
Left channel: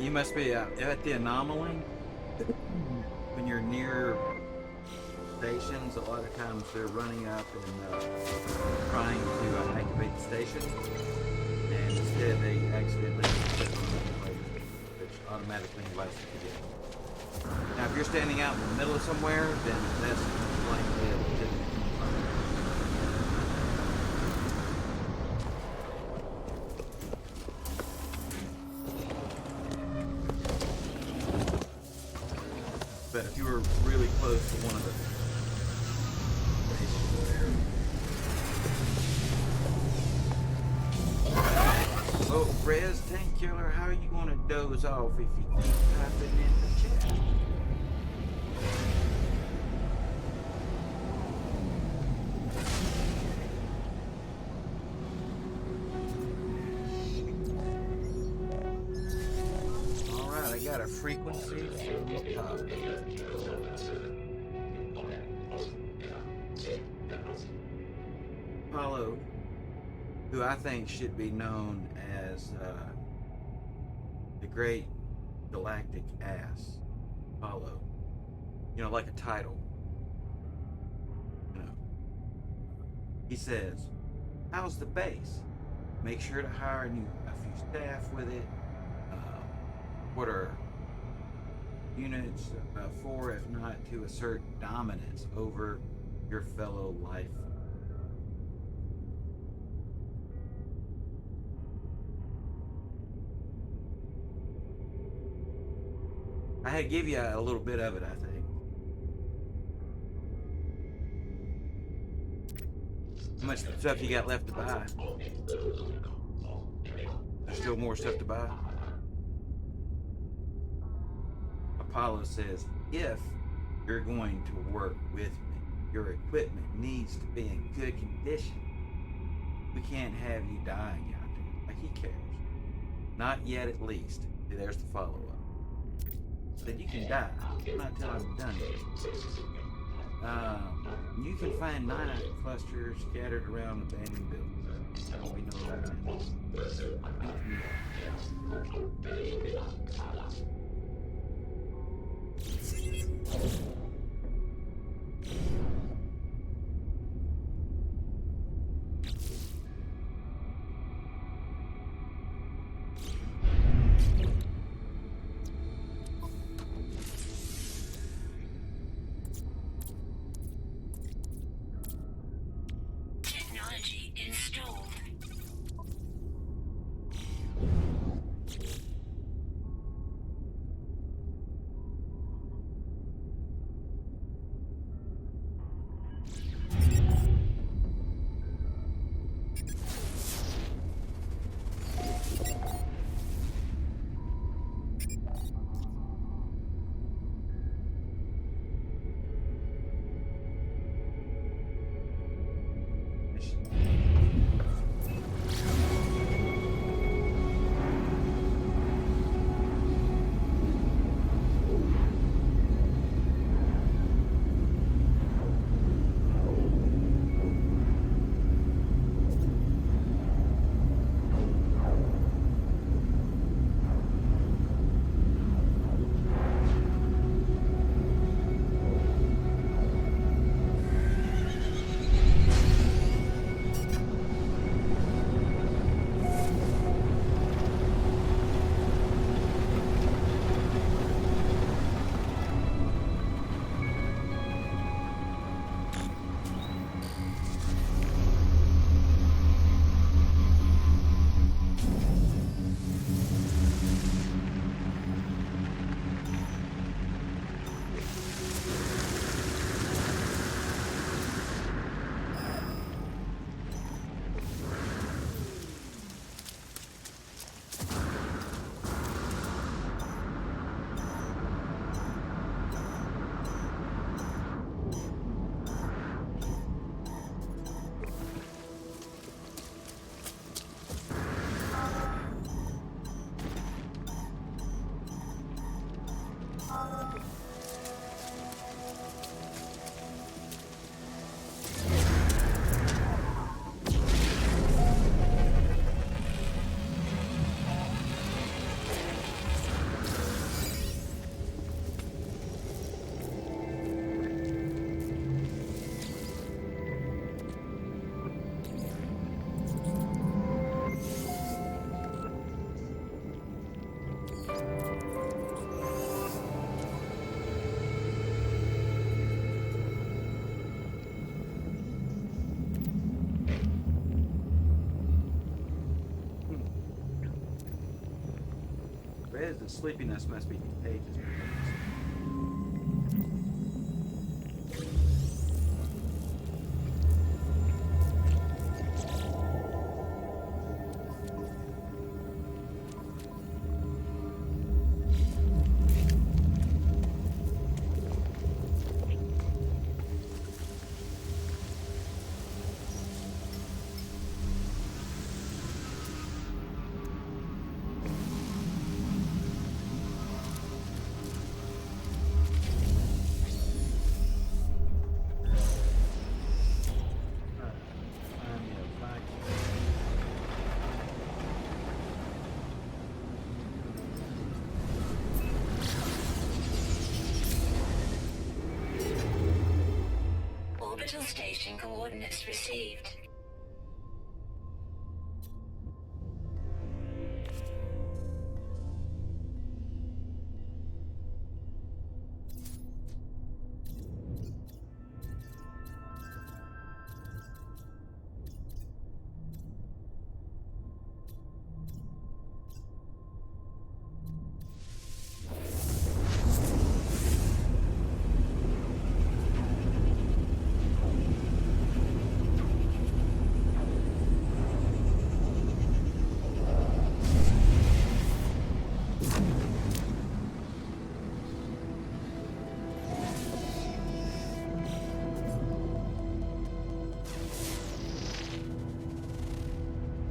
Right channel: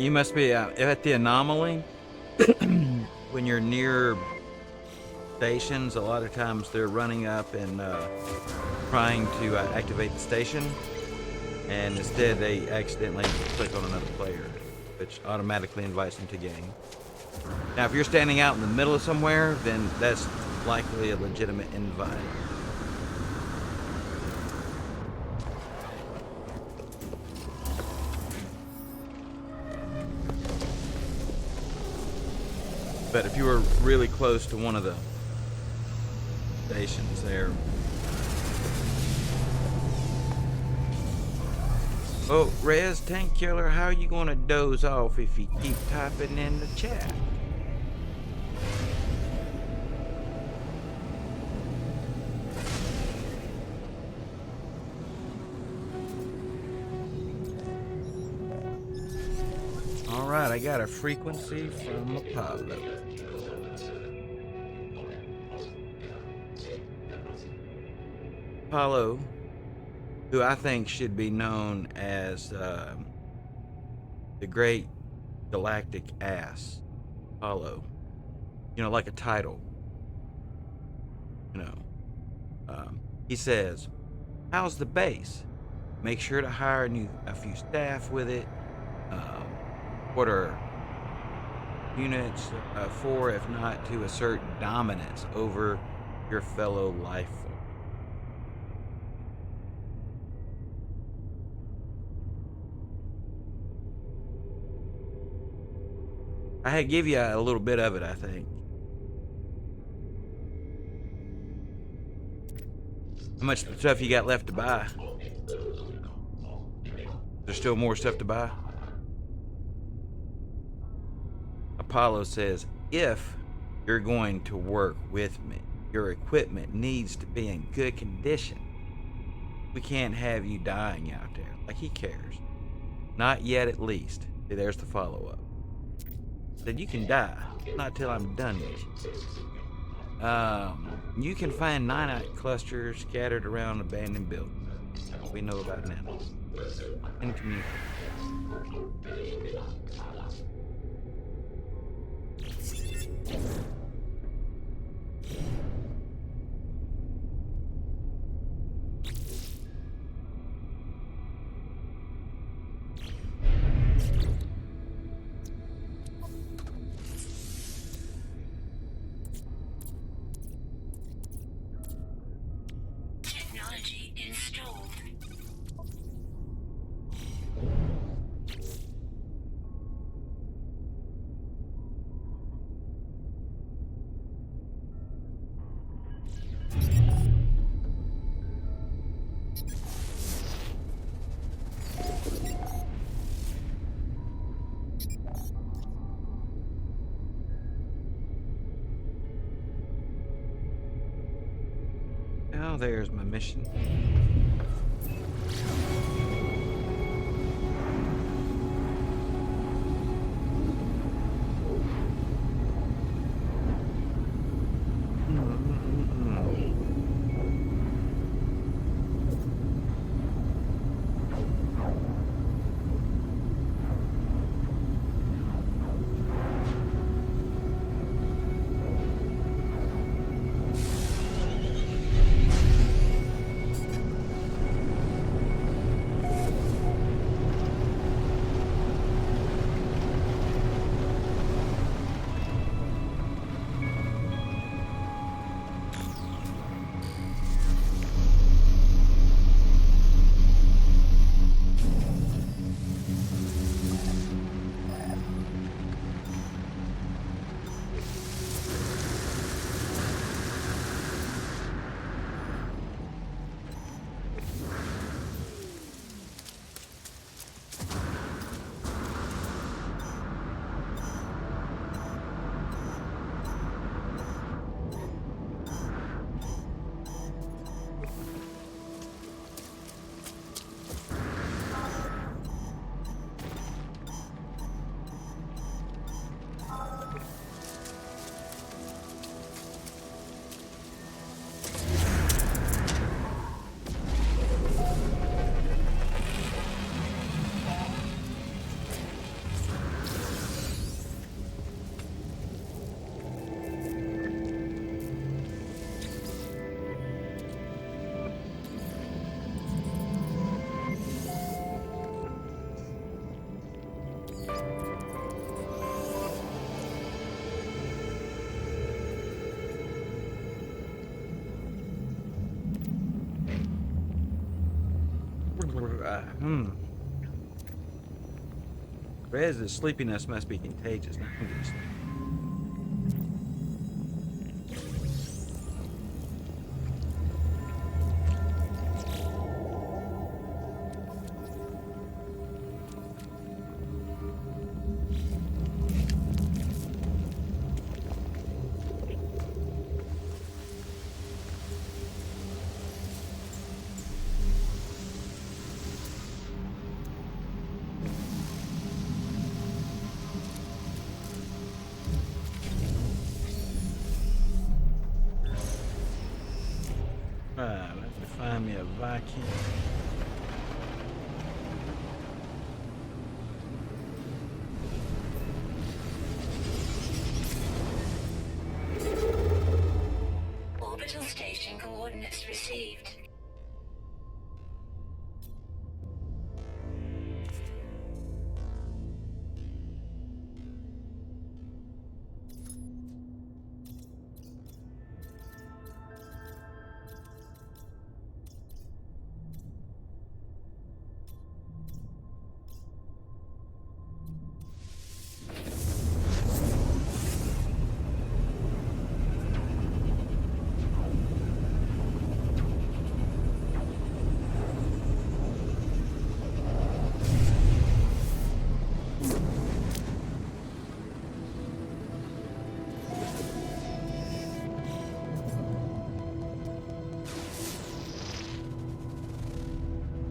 You must be at the anomaly. When you're near stations, a lot of times they're running up and trying to activate the station, and instead they accidentally click on another player, which automatically invites them to getting. Now, if you're standing out in the middle of somewhere, then that's likely a legitimate invite. But if you were really close to one of the stations there. Oh, Rez Tank Killer, how are you gonna doze off if you keep typing in the chat? Alright, I got a frequency from Apollo. Apollo, who I think should be known as the Great Galactic Ass. Apollo. You know, like a title. You know. He says, how's the base? Make sure to hire a few staff with it. What are units for, if not to assert dominance over your fellow life form? I had give you a little bit of it, I think. How much stuff you got left to buy? There's still more stuff to buy? Apollo says, if you're going to work with me, your equipment needs to be in good condition. We can't have you dying out there. Like, he cares. Not yet, at least. See, there's the follow-up. Said you can die, not till I'm done with you. You can find 9 clusters scattered around abandoned buildings. That's what we know about now. In community. Technology installed. Now there's my mission. Rez's sleepiness must be contagious now. Let's find me a Viking. Orbital station coordinates received.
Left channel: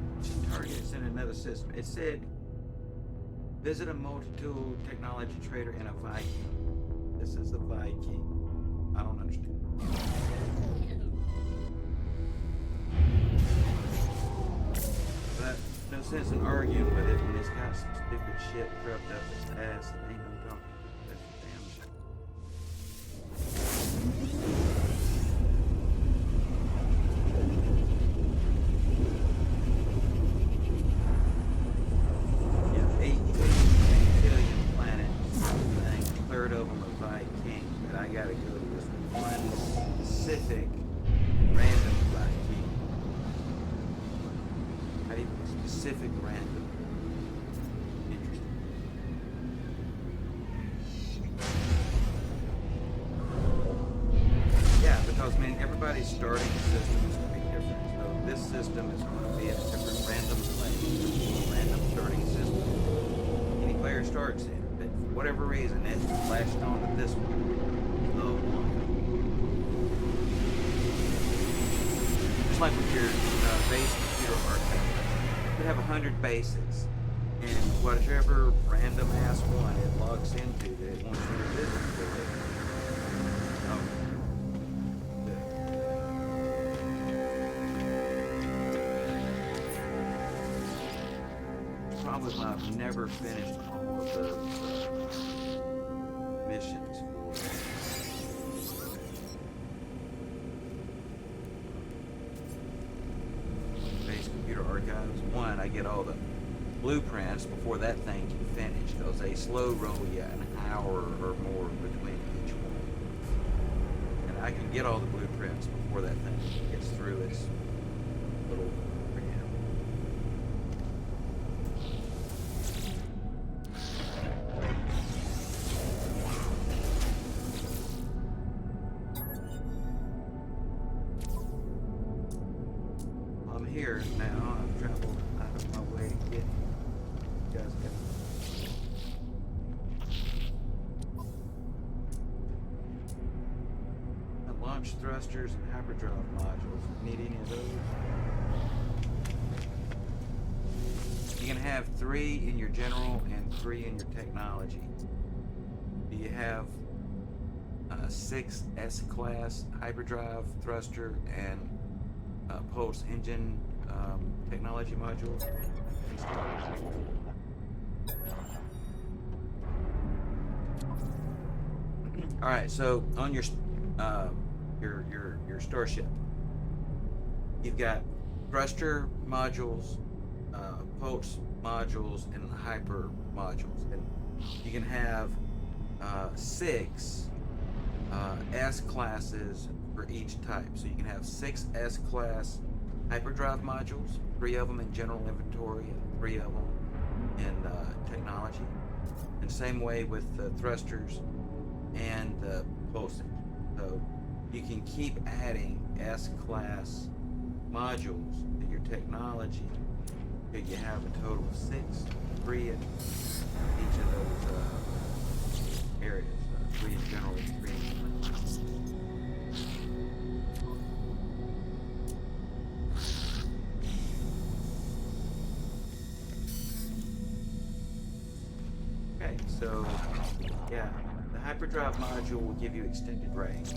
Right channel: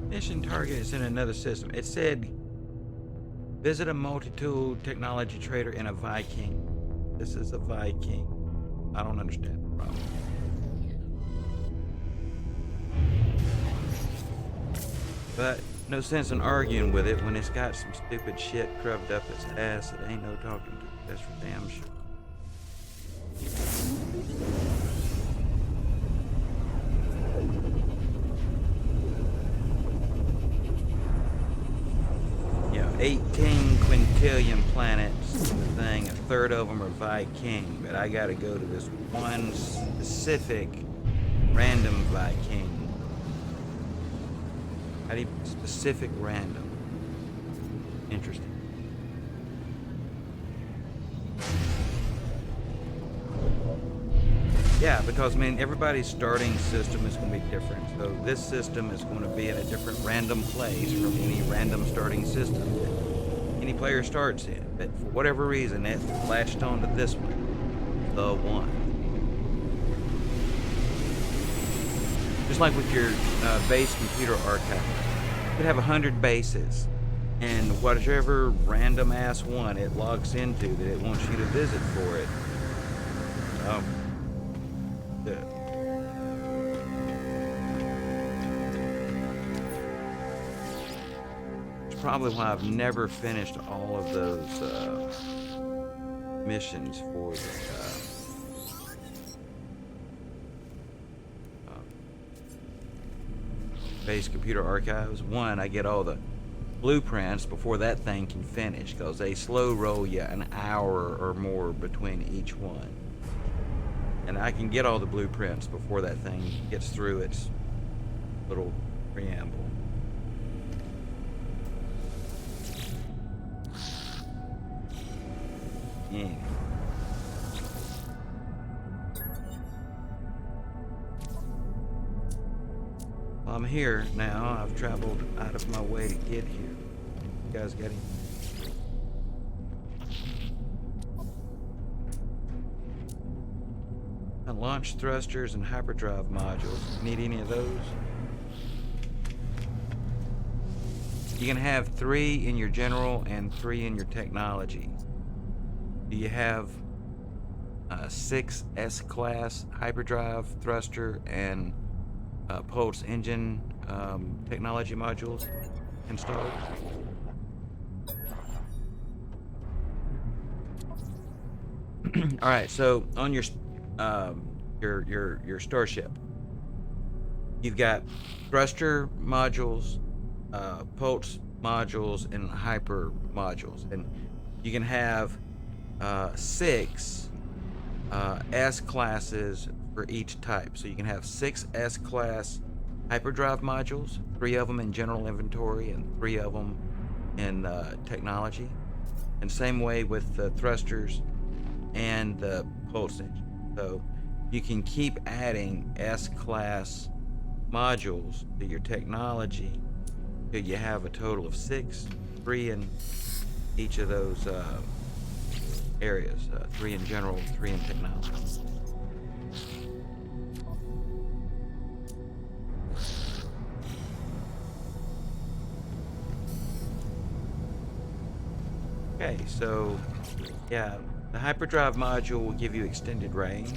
Mission target is in another system. It said, visit a multi-tool technology trader in a Viking. This is a Viking. I don't understand. But no sense in arguing with it when it's got some stupid shit crubbed up its ass. It ain't no talking to. That's for damn sure. Yeah, 18 quintillion planets thing. A third of them are Viking, but I gotta go to this one specific random Viking. How do you specific random? Interesting. Yeah, because I mean everybody's starting system is going to be different. So this system is going to be in a different random place from any random starting system that any player starts in. But for whatever reason, it latched onto this one, the one. Just like with your base computer archive, you could have 100 bases, and whatever random ass one it logs into that it wants you to visit for it. It's probably why I've never finished all of those missions for base computer archives. One, I get all the blueprints before that thing can finish, because they slow roll you an hour or more between each one. And I can get all the blueprints before that thing gets through its little preamble. Yeah. Well, I'm here now. I've traveled out of my way to get here. You guys got any? Launch thrusters and hyperdrive modules. Need any of those? You can have 3 in your general and 3 in your technology. Do you have 6 S-class hyperdrive thruster and pulse engine technology modules installed? All right, so on your starship, you've got thruster modules, pulse modules, and hyper modules, and you can have 6 S classes for each type. So you can have 6 S class hyperdrive modules 3 of them in general inventory and 3 of them in technology. And same way with the thrusters and the pulse engine. So you can keep adding S-class modules to your technology till you have a total of 6, 3 in each of those areas, 3 in general and 3 in technology. Okay, so yeah, the hyperdrive module will give you extended range.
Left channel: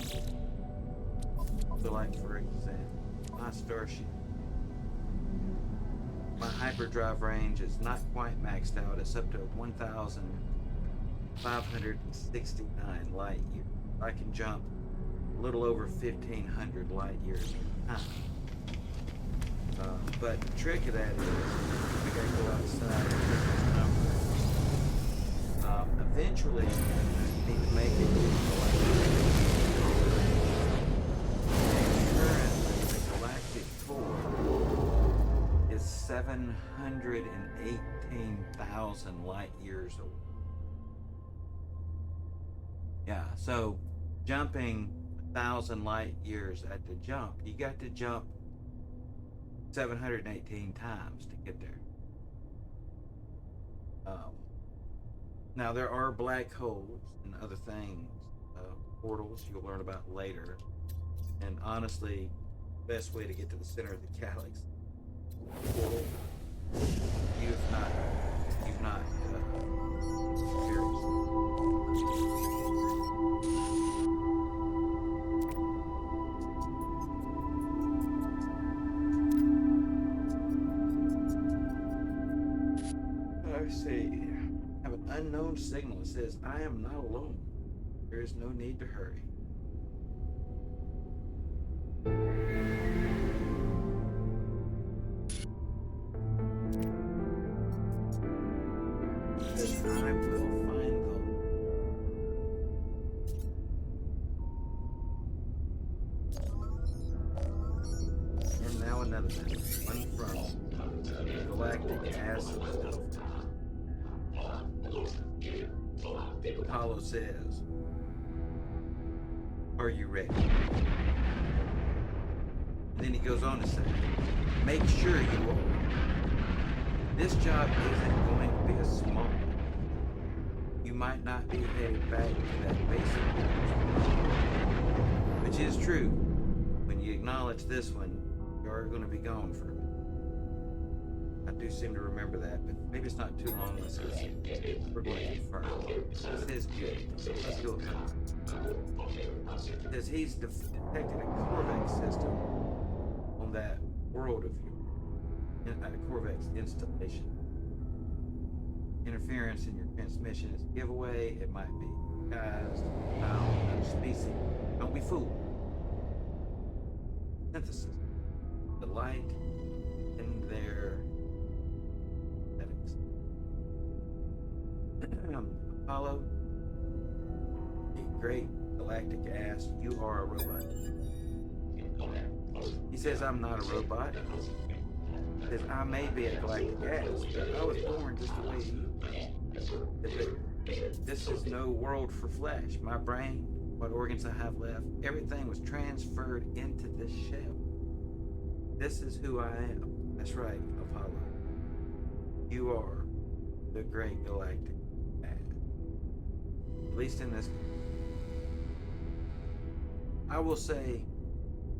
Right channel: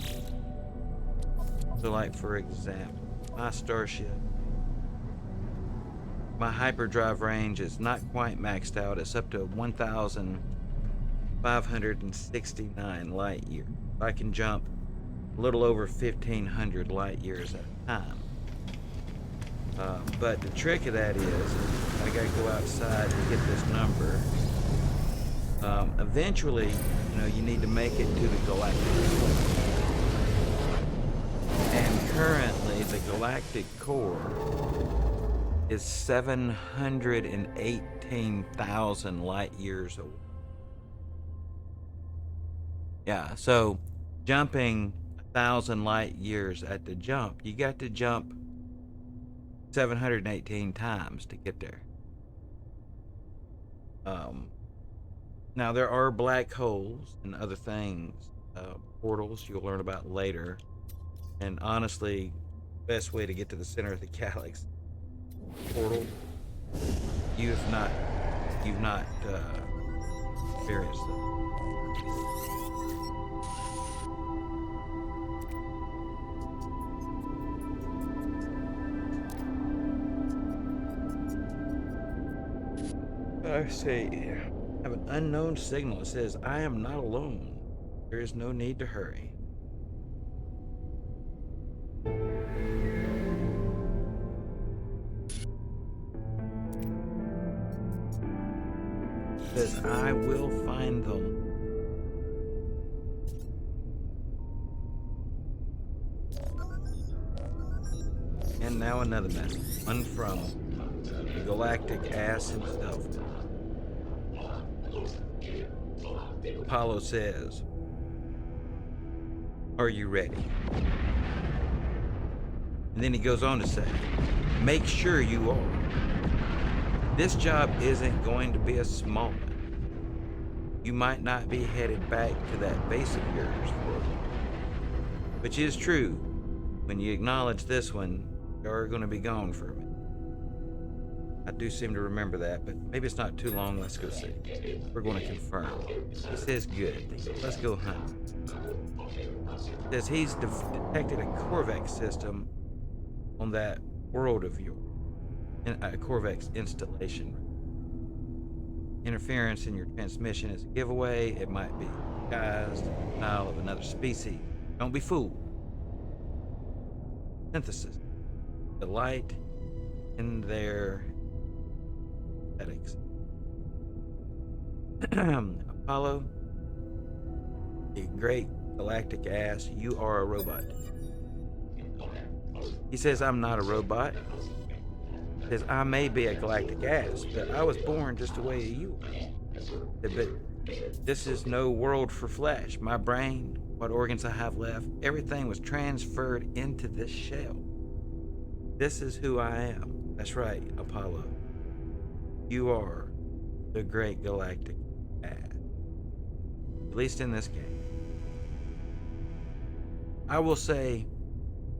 So like for example, my Starship, my hyperdrive range is not quite maxed out. It's up to 1,569 light years. I can jump a little over 1,500 light years at a time. But the trick of that is, I gotta go outside and get this number. Eventually, you need to make it to the galactic core. And currently, the galactic core is 718,000 light years away. Yeah, so jumping 1,000 light years at the jump, you got to jump 718 times to get there. Now there are black holes and other things, portals you'll learn about later. And honestly, best way to get to the center of the galaxy, portal. You've not experienced them. I say, I have an unknown signal. It says, I am not alone. There is no need to hurry. It says, I will find them. And now another message. One from Galactic Ass himself. Apollo says, are you ready? And then he goes on to say, make sure you are. This job isn't going to be a small one. You might not be headed back to that basic orders, which is true. When you acknowledge this one, you're going to be gone for a minute. I do seem to remember that, but maybe it's not too long. Let's go see. We're going to confirm. It says good. Let's go hunt. It says he's detected a Corvex system on that world of yours. A Corvex installation. Interference in your transmission is a giveaway. It might be guised. Now, another species. Don't be fooled. Synthesis. The light in their aesthetics. Apollo, the great galactic ass, you are a robot. He says, I'm not a robot. He says, I may be a galactic ass, but I was born just the way you were. But this is no world for flesh. My brain, what organs I have left, everything was transferred into this shell. This is who I am. That's right, Apollo. You are the great galactic ass. At least in this game. I will say,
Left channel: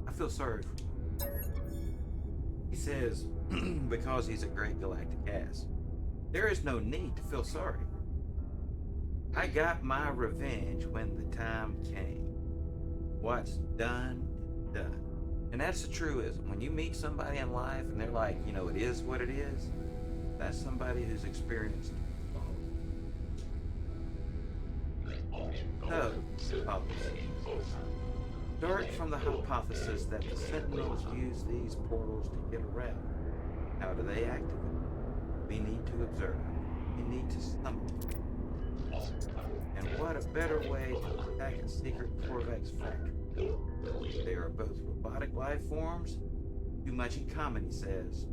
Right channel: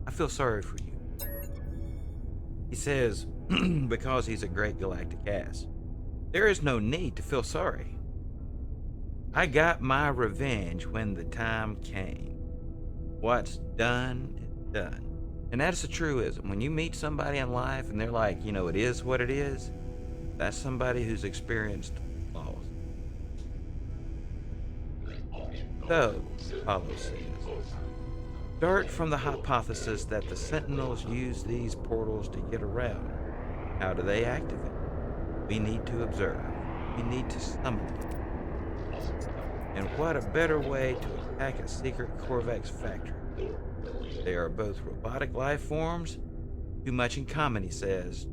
I feel sorry for you. He says, because he's a great galactic ass. There is no need to feel sorry. I got my revenge when the time came. What's done is done. And that's the truism. When you meet somebody in life and they're like, it is what it is, that's somebody who's experienced loss. So, Apollo says, start from the hypothesis that the Sentinels use these portals to get around. How do they activate? We need to observe. We need to summon them. And what a better way to attack a secret Corvex factory. They are both robotic life forms, too much in common, he says.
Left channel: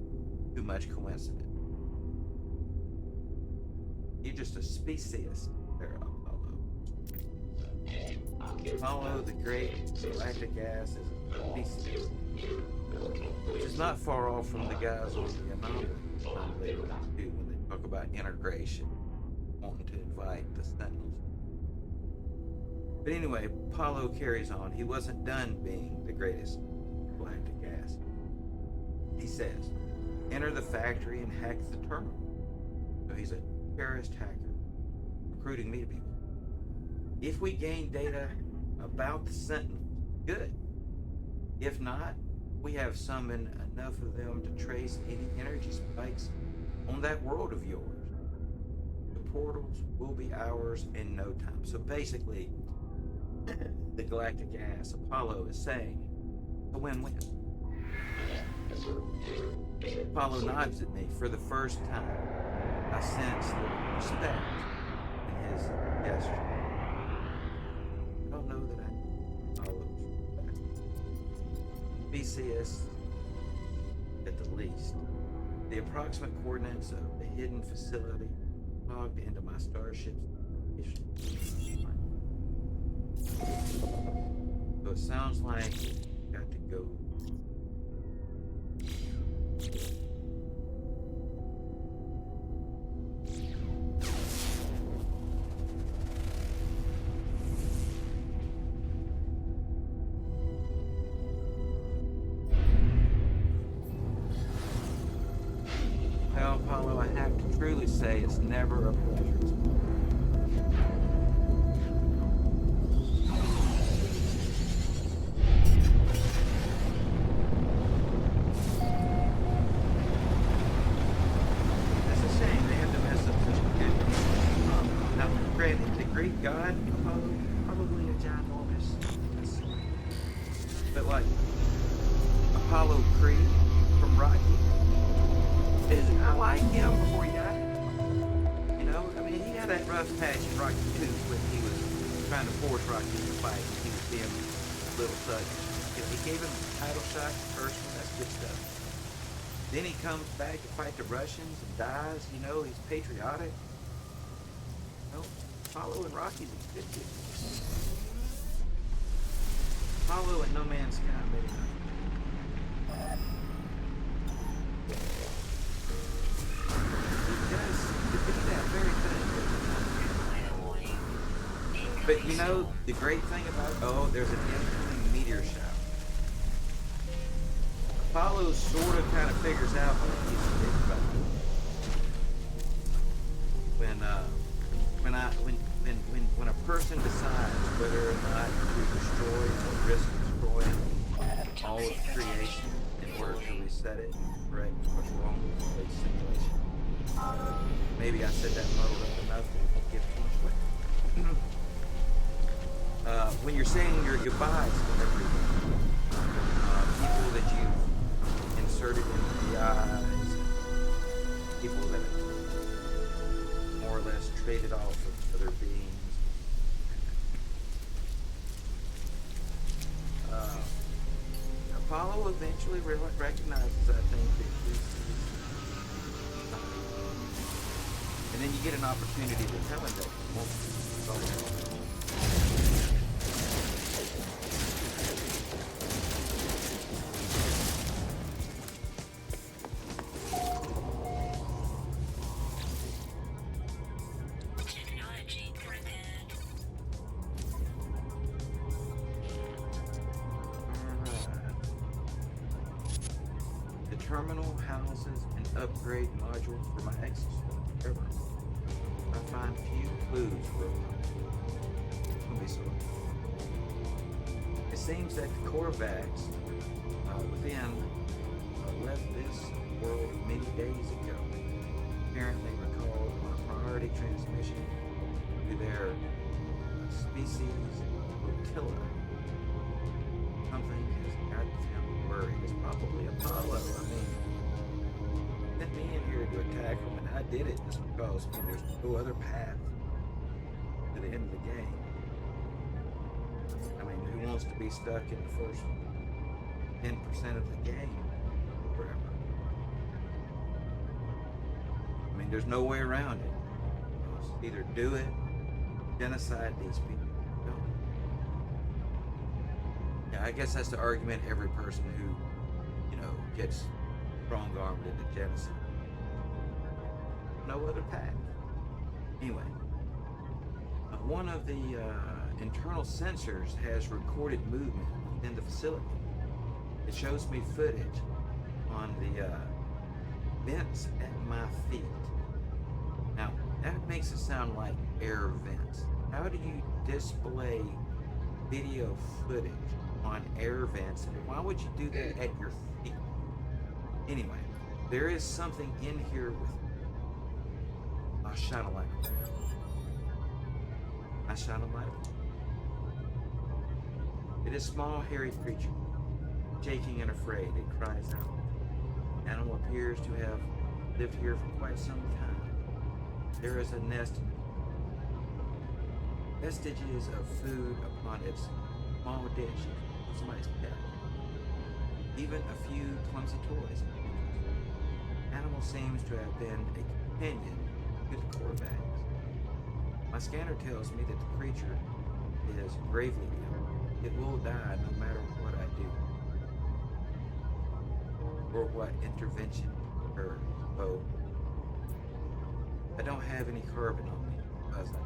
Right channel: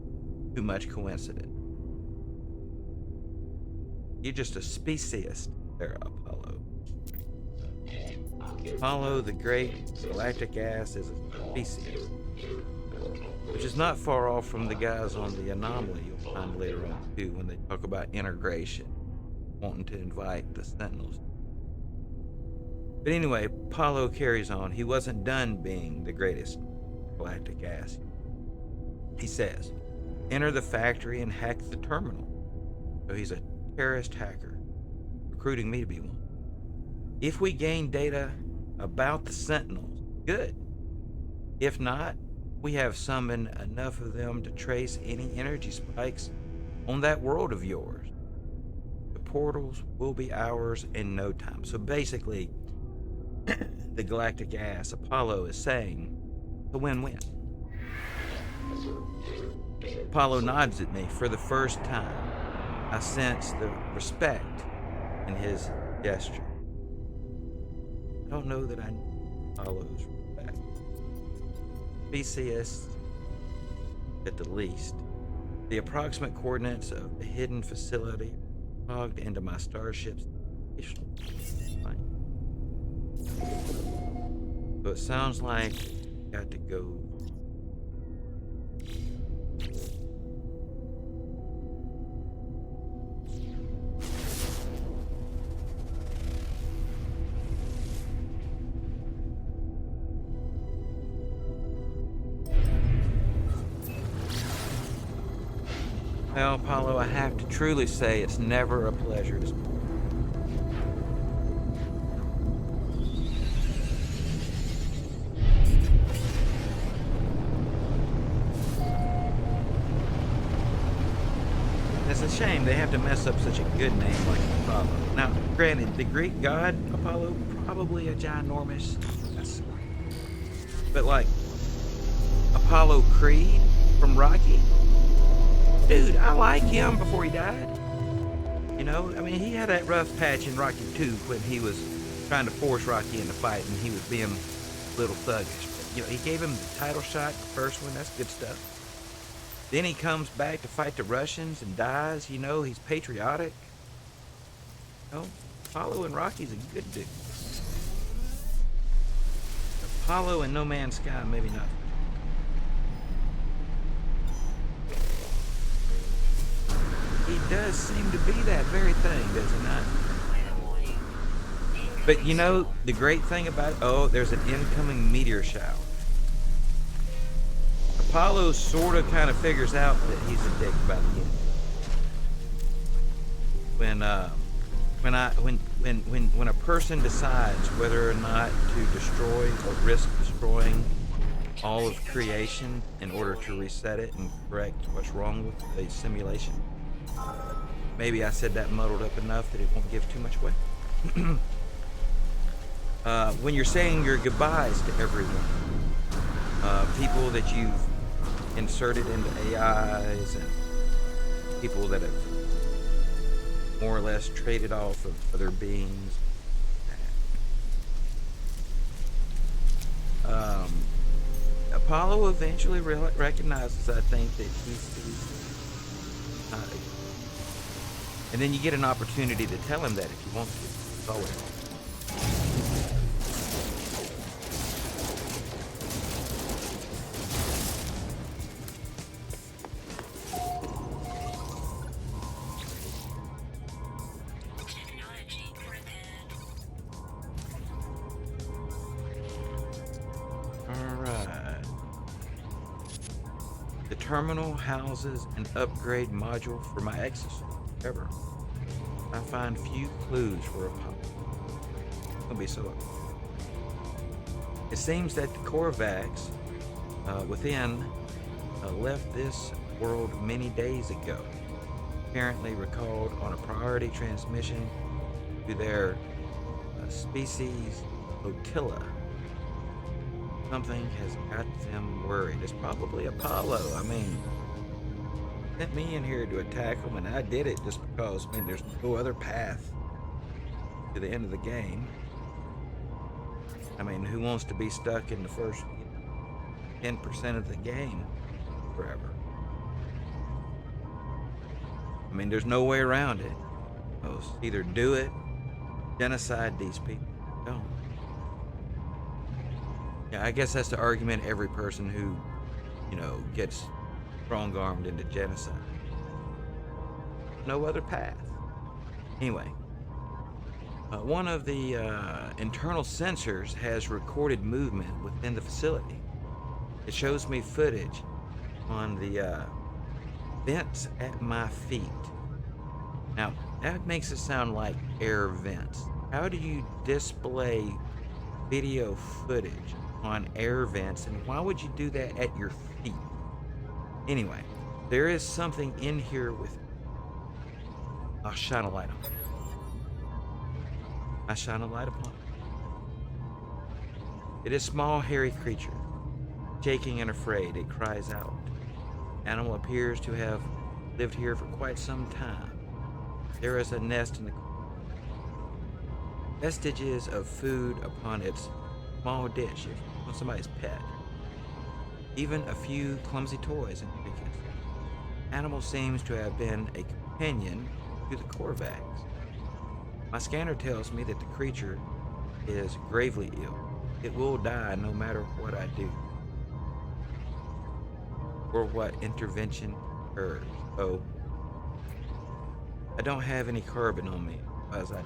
too much coincidence. You're just a speciesist there, Apollo. Apollo, the great galactic ass, is a species, which is not far off from the guys on the anomaly you'll find later on too when they talk about integration, wanting to invite the Sentinels. But anyway, Apollo carries on. He wasn't done being the greatest galactic ass. He says, enter the factory and hack the terminal. So he's a terrorist hacker, recruiting me to be one. If we gain data about the Sentinels, good. If not, we have summoned enough of them to trace any energy spikes on that world of yours. The portals will be ours in no time. So basically, the galactic ass, Apollo, is saying it's a win-win. Apollo nods at me for the first time. I sense the respect in his gesture. I don't know that I know Apollo's respect. Theseus, at the least. The approximate coordinates of the hidden facility logged into my starship's plane. So it sounds like we got to go. Well, Apollo, I have to truly say it's never a pleasure to speak. It's a shame they have to mess up such a good name like Apollo. Now, granted, the Greek god Apollo, probably a ginormous, but like Apollo Creed from Rocky. Dude, I like him before he died. You know, I mean, he had that rough patch in Rocky 2 when he was trying to force Rocky into fight and he was being a little thuggish. But, you know, he gave him the title shot, the first one, that's good stuff. Then he comes back to fight the Russians and dies, you know, he's patriotic. You know, Apollo and Rocky's a good dude. Apollo and No Man's Sky, maybe not. He does seem to be that very thing, does he not? But you know, the great thing about, oh, there's an incoming meteor shower. Apollo sort of kind of figures out that he's a dick about it. When a person decides whether or not to destroy or risk destroying all of creation in order to reset it and correct what's wrong with a simulation. Maybe I said that muddled up enough that it won't give too much away. When you're saying your goodbyes to everyone, people that you've inserted into AIs and people that have more or less traded off of other beings. Apollo eventually recognizes, I think, that he's and then you get an opportunity to tell him that if you want to. It's always helpful. Terminal houses an upgrade module for my exosuit. However, I find few clues for Apollo. It'll be so. It seems that the Korvax within left this world many days ago. Apparently recalled on a priority transmission to their species flotilla. Something has got them worried. It's probably Apollo. I mean, sent me in here to attack them, and I did it just because, I mean, there's no other path to the end of the game. I mean, who wants to be stuck in the first 10% of the game forever? I mean, there's no way around it. Either do it, genocide these people. Don't. Yeah, I guess that's the argument every person who, gets strong-armed into genocide. No other path. Anyway, one of the internal sensors has recorded movement within the facility. It shows me footage on the vents at my feet. Now, that makes it sound like air vents. How do you display video footage on air vents, and why would you do that at your feet? Anyway, there is something in here with me. I'll shine a light on it. I shine a light upon it. It is a small, hairy creature. Shaking and afraid, it cries out. Animal appears to have lived here for quite some time. There is a nest in the corner. Vestiges of food upon its small dish, on somebody's pet. Even a few clumsy toys and trinkets. Animal seems to have been a companion to the Korvax. My scanner tells me that the creature is gravely ill. It will die no matter what I do, or what intervention occurs. Oh, I don't have any carbon on me, as I do.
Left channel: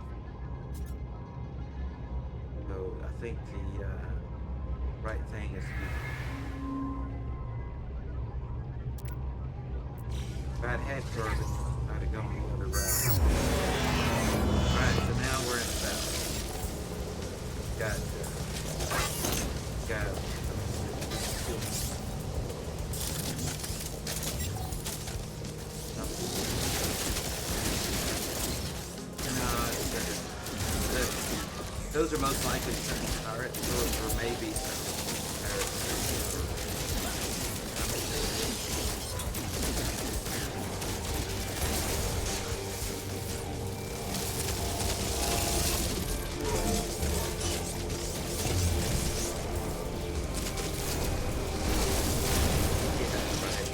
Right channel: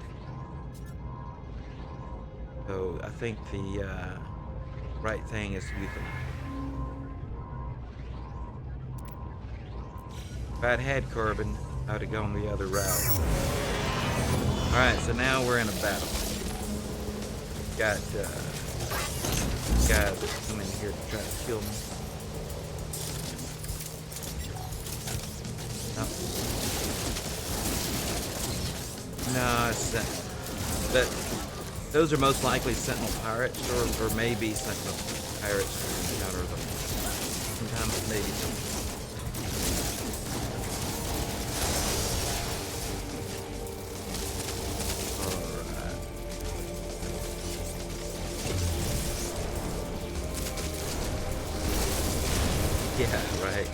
So I think the right thing is to use it. If I'd had carbon, I'd have gone the other route. Alright, so now we're in a battle. Got guys that come in here to try to kill me. No, it's those are most likely Sentinel pirates, or maybe Sentinel pirates. Sometimes they. Yeah, right.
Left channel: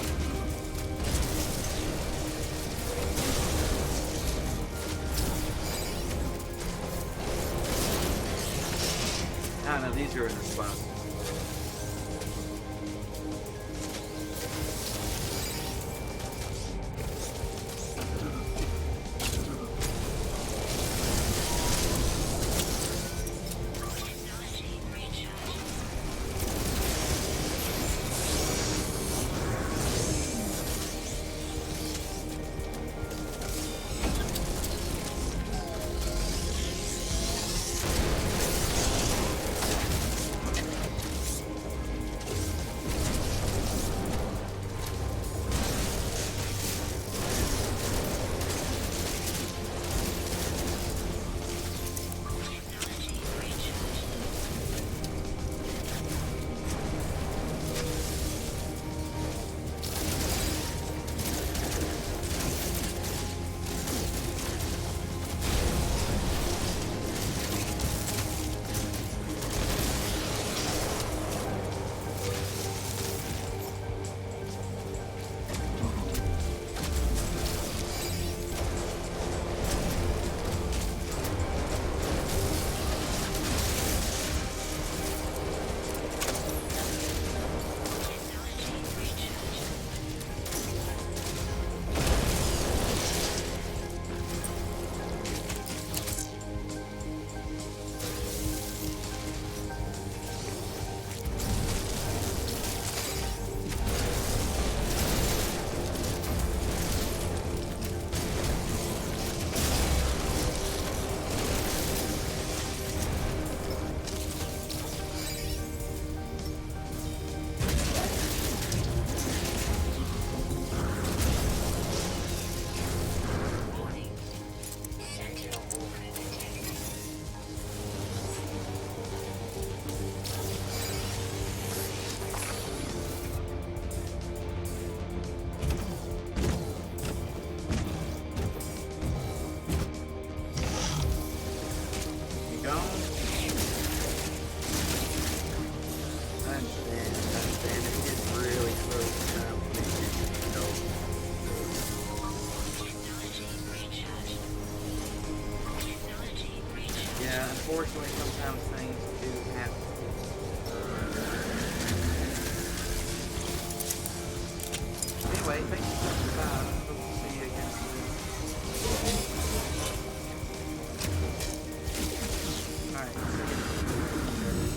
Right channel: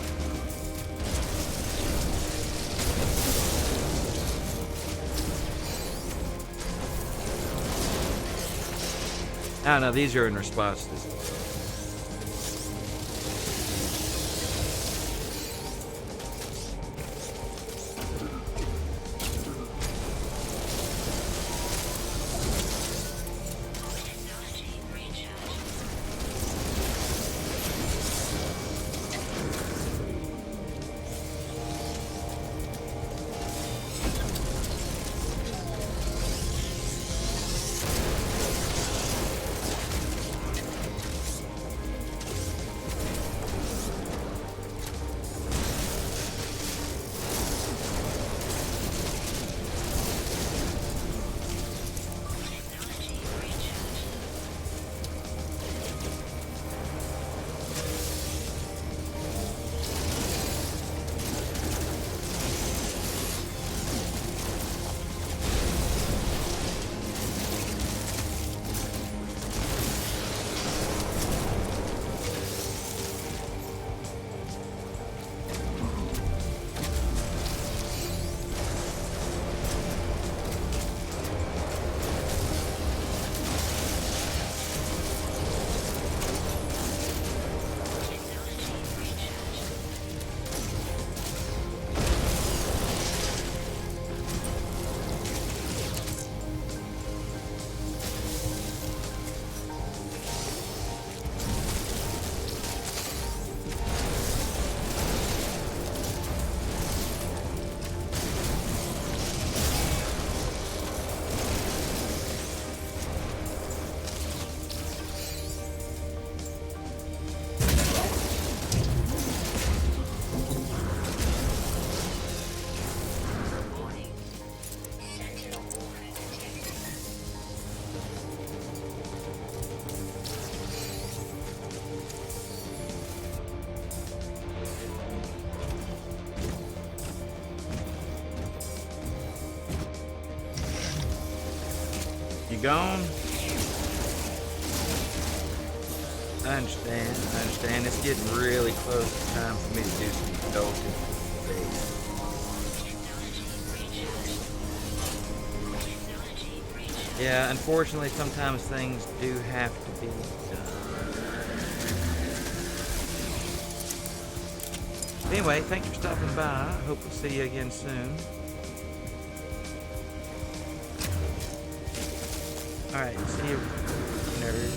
No, these are in response to. Gone. I understand. It's getting really close to time for me to do some indulgence. Yeah, unfortunately, sometimes things do have to be done. Anyway, thanks for stopping by. Hope to see you again soon. Alright, see you, nerds.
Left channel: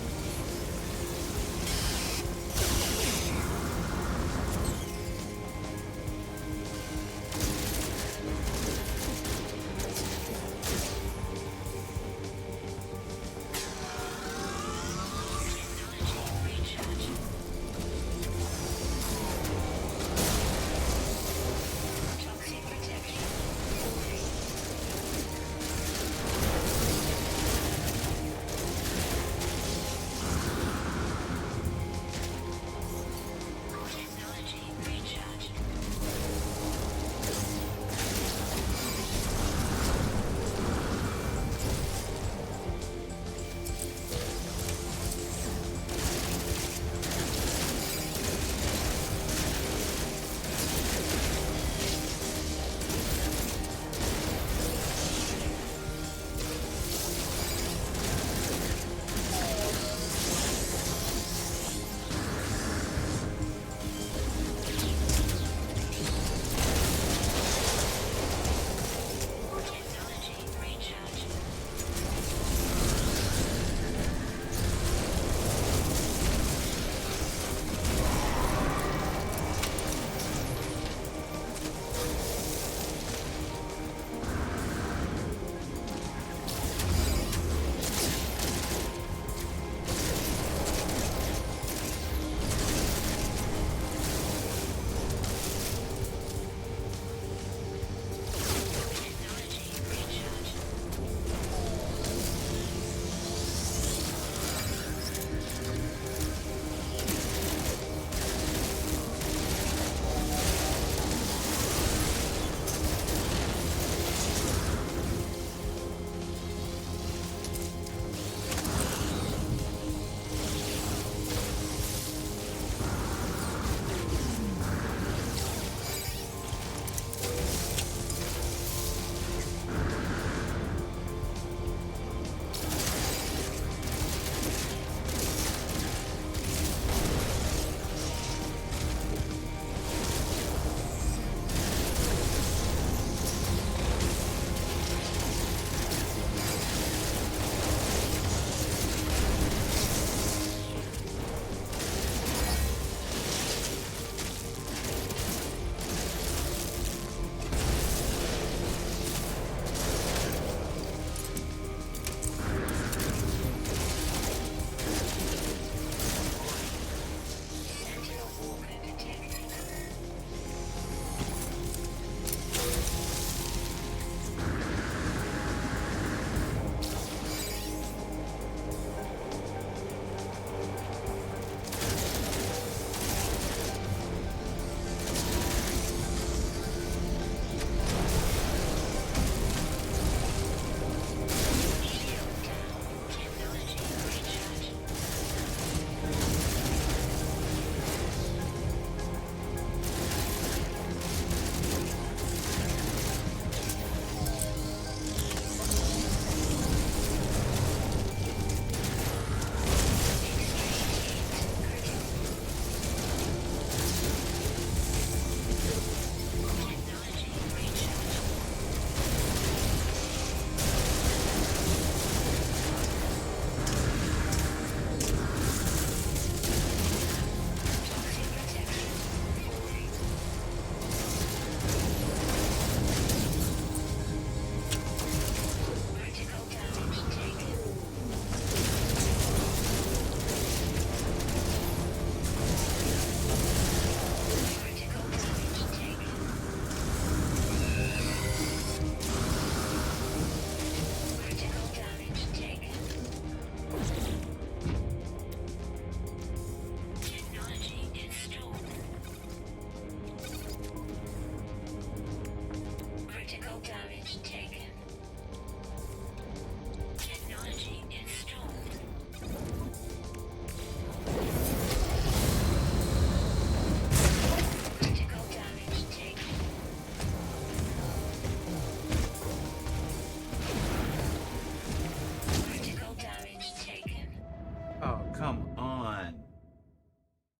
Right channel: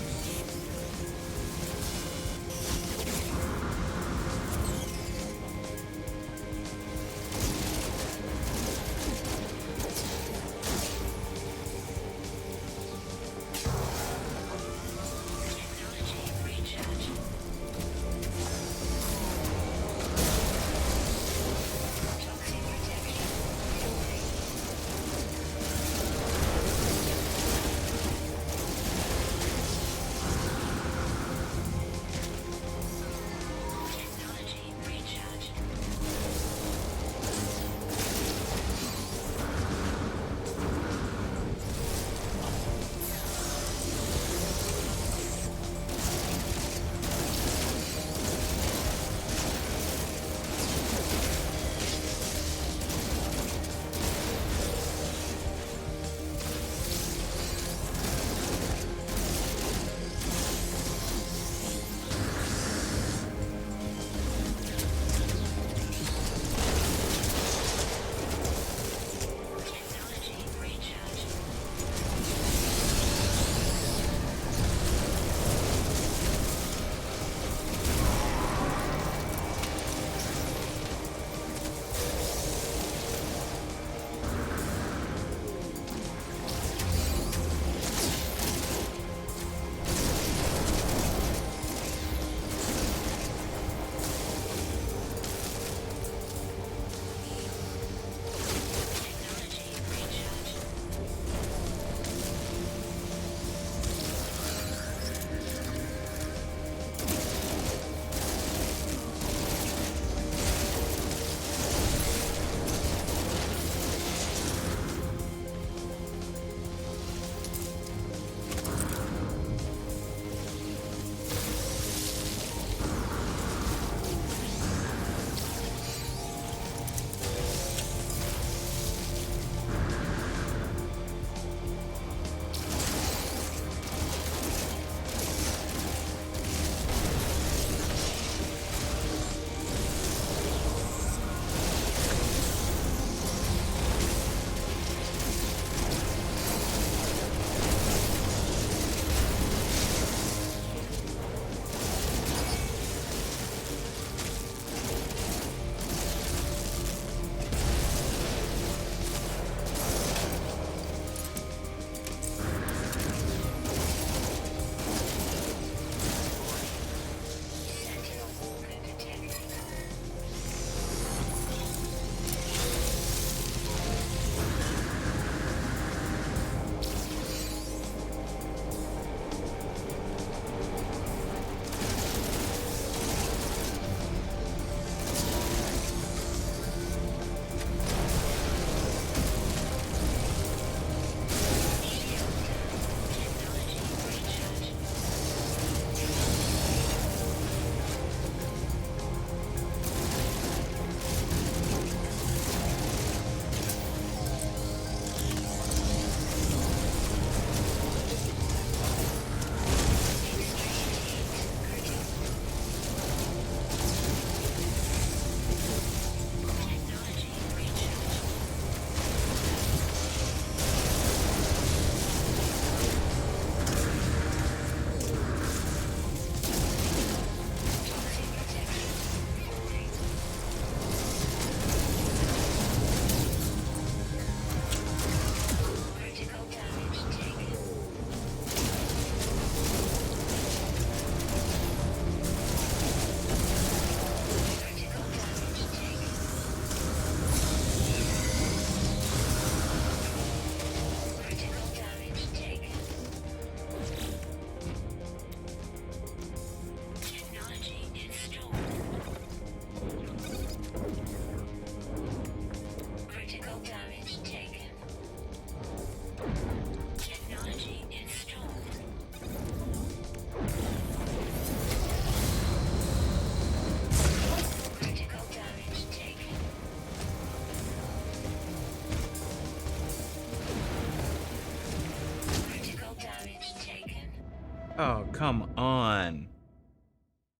Oh, come on.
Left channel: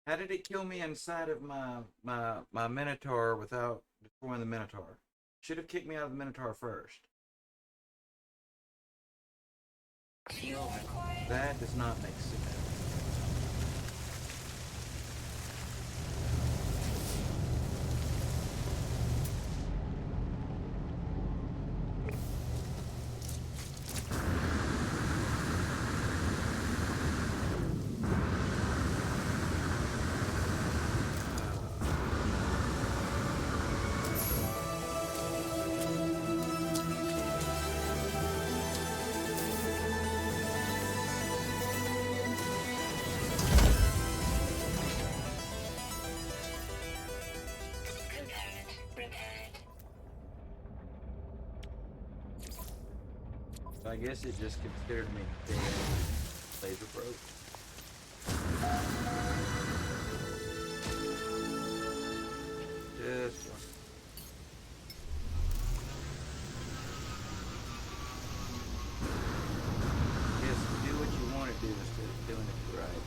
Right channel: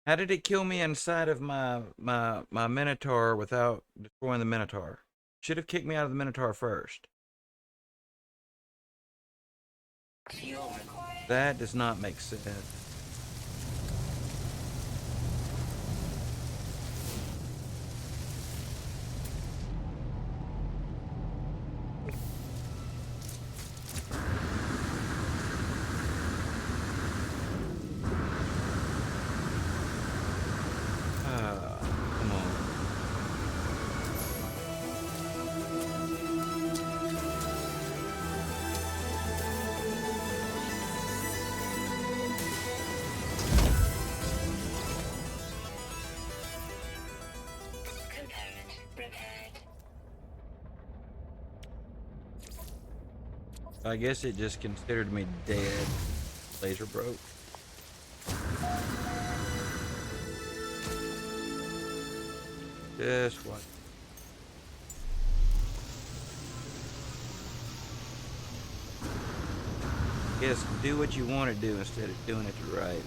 How did it kill me inside of my Minotaur without destroying the Minotaur? Should have kicked me out of the Minotaur first. Fuel required. That does not make sense. Come on. Component repaired. I guess it just considered me dead. Laser broke. Just one. Just do what you want to do instead of doing it right.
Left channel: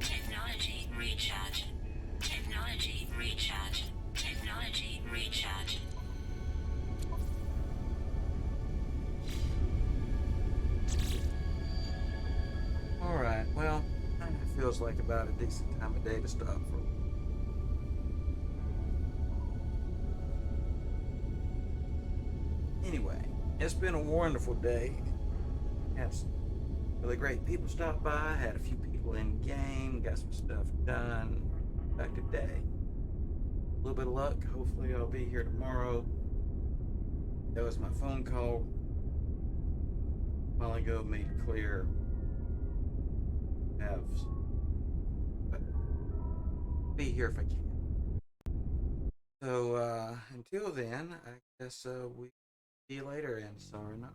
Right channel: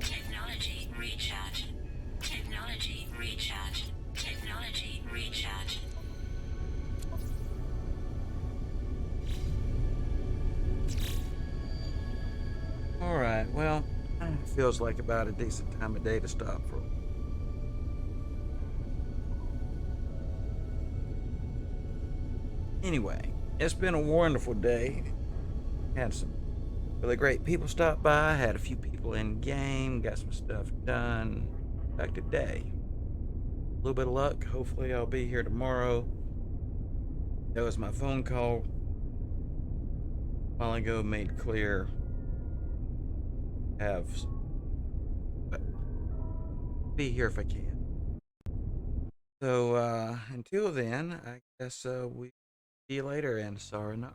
Technology recharge. Technology recharge. Technology recharge. Alright, well, it feels like about a decent time of day to stop for. Anyway, it's been a wonderful day. Had some really great people stop by, had a few people in game, got some stuff done. Productive day. A little bit of luck. Hopefully, I'll be here tomorrow. That was my phone call a while ago, made clear. Have but be here if I can. So until then, I guess we see you later, and sorry not.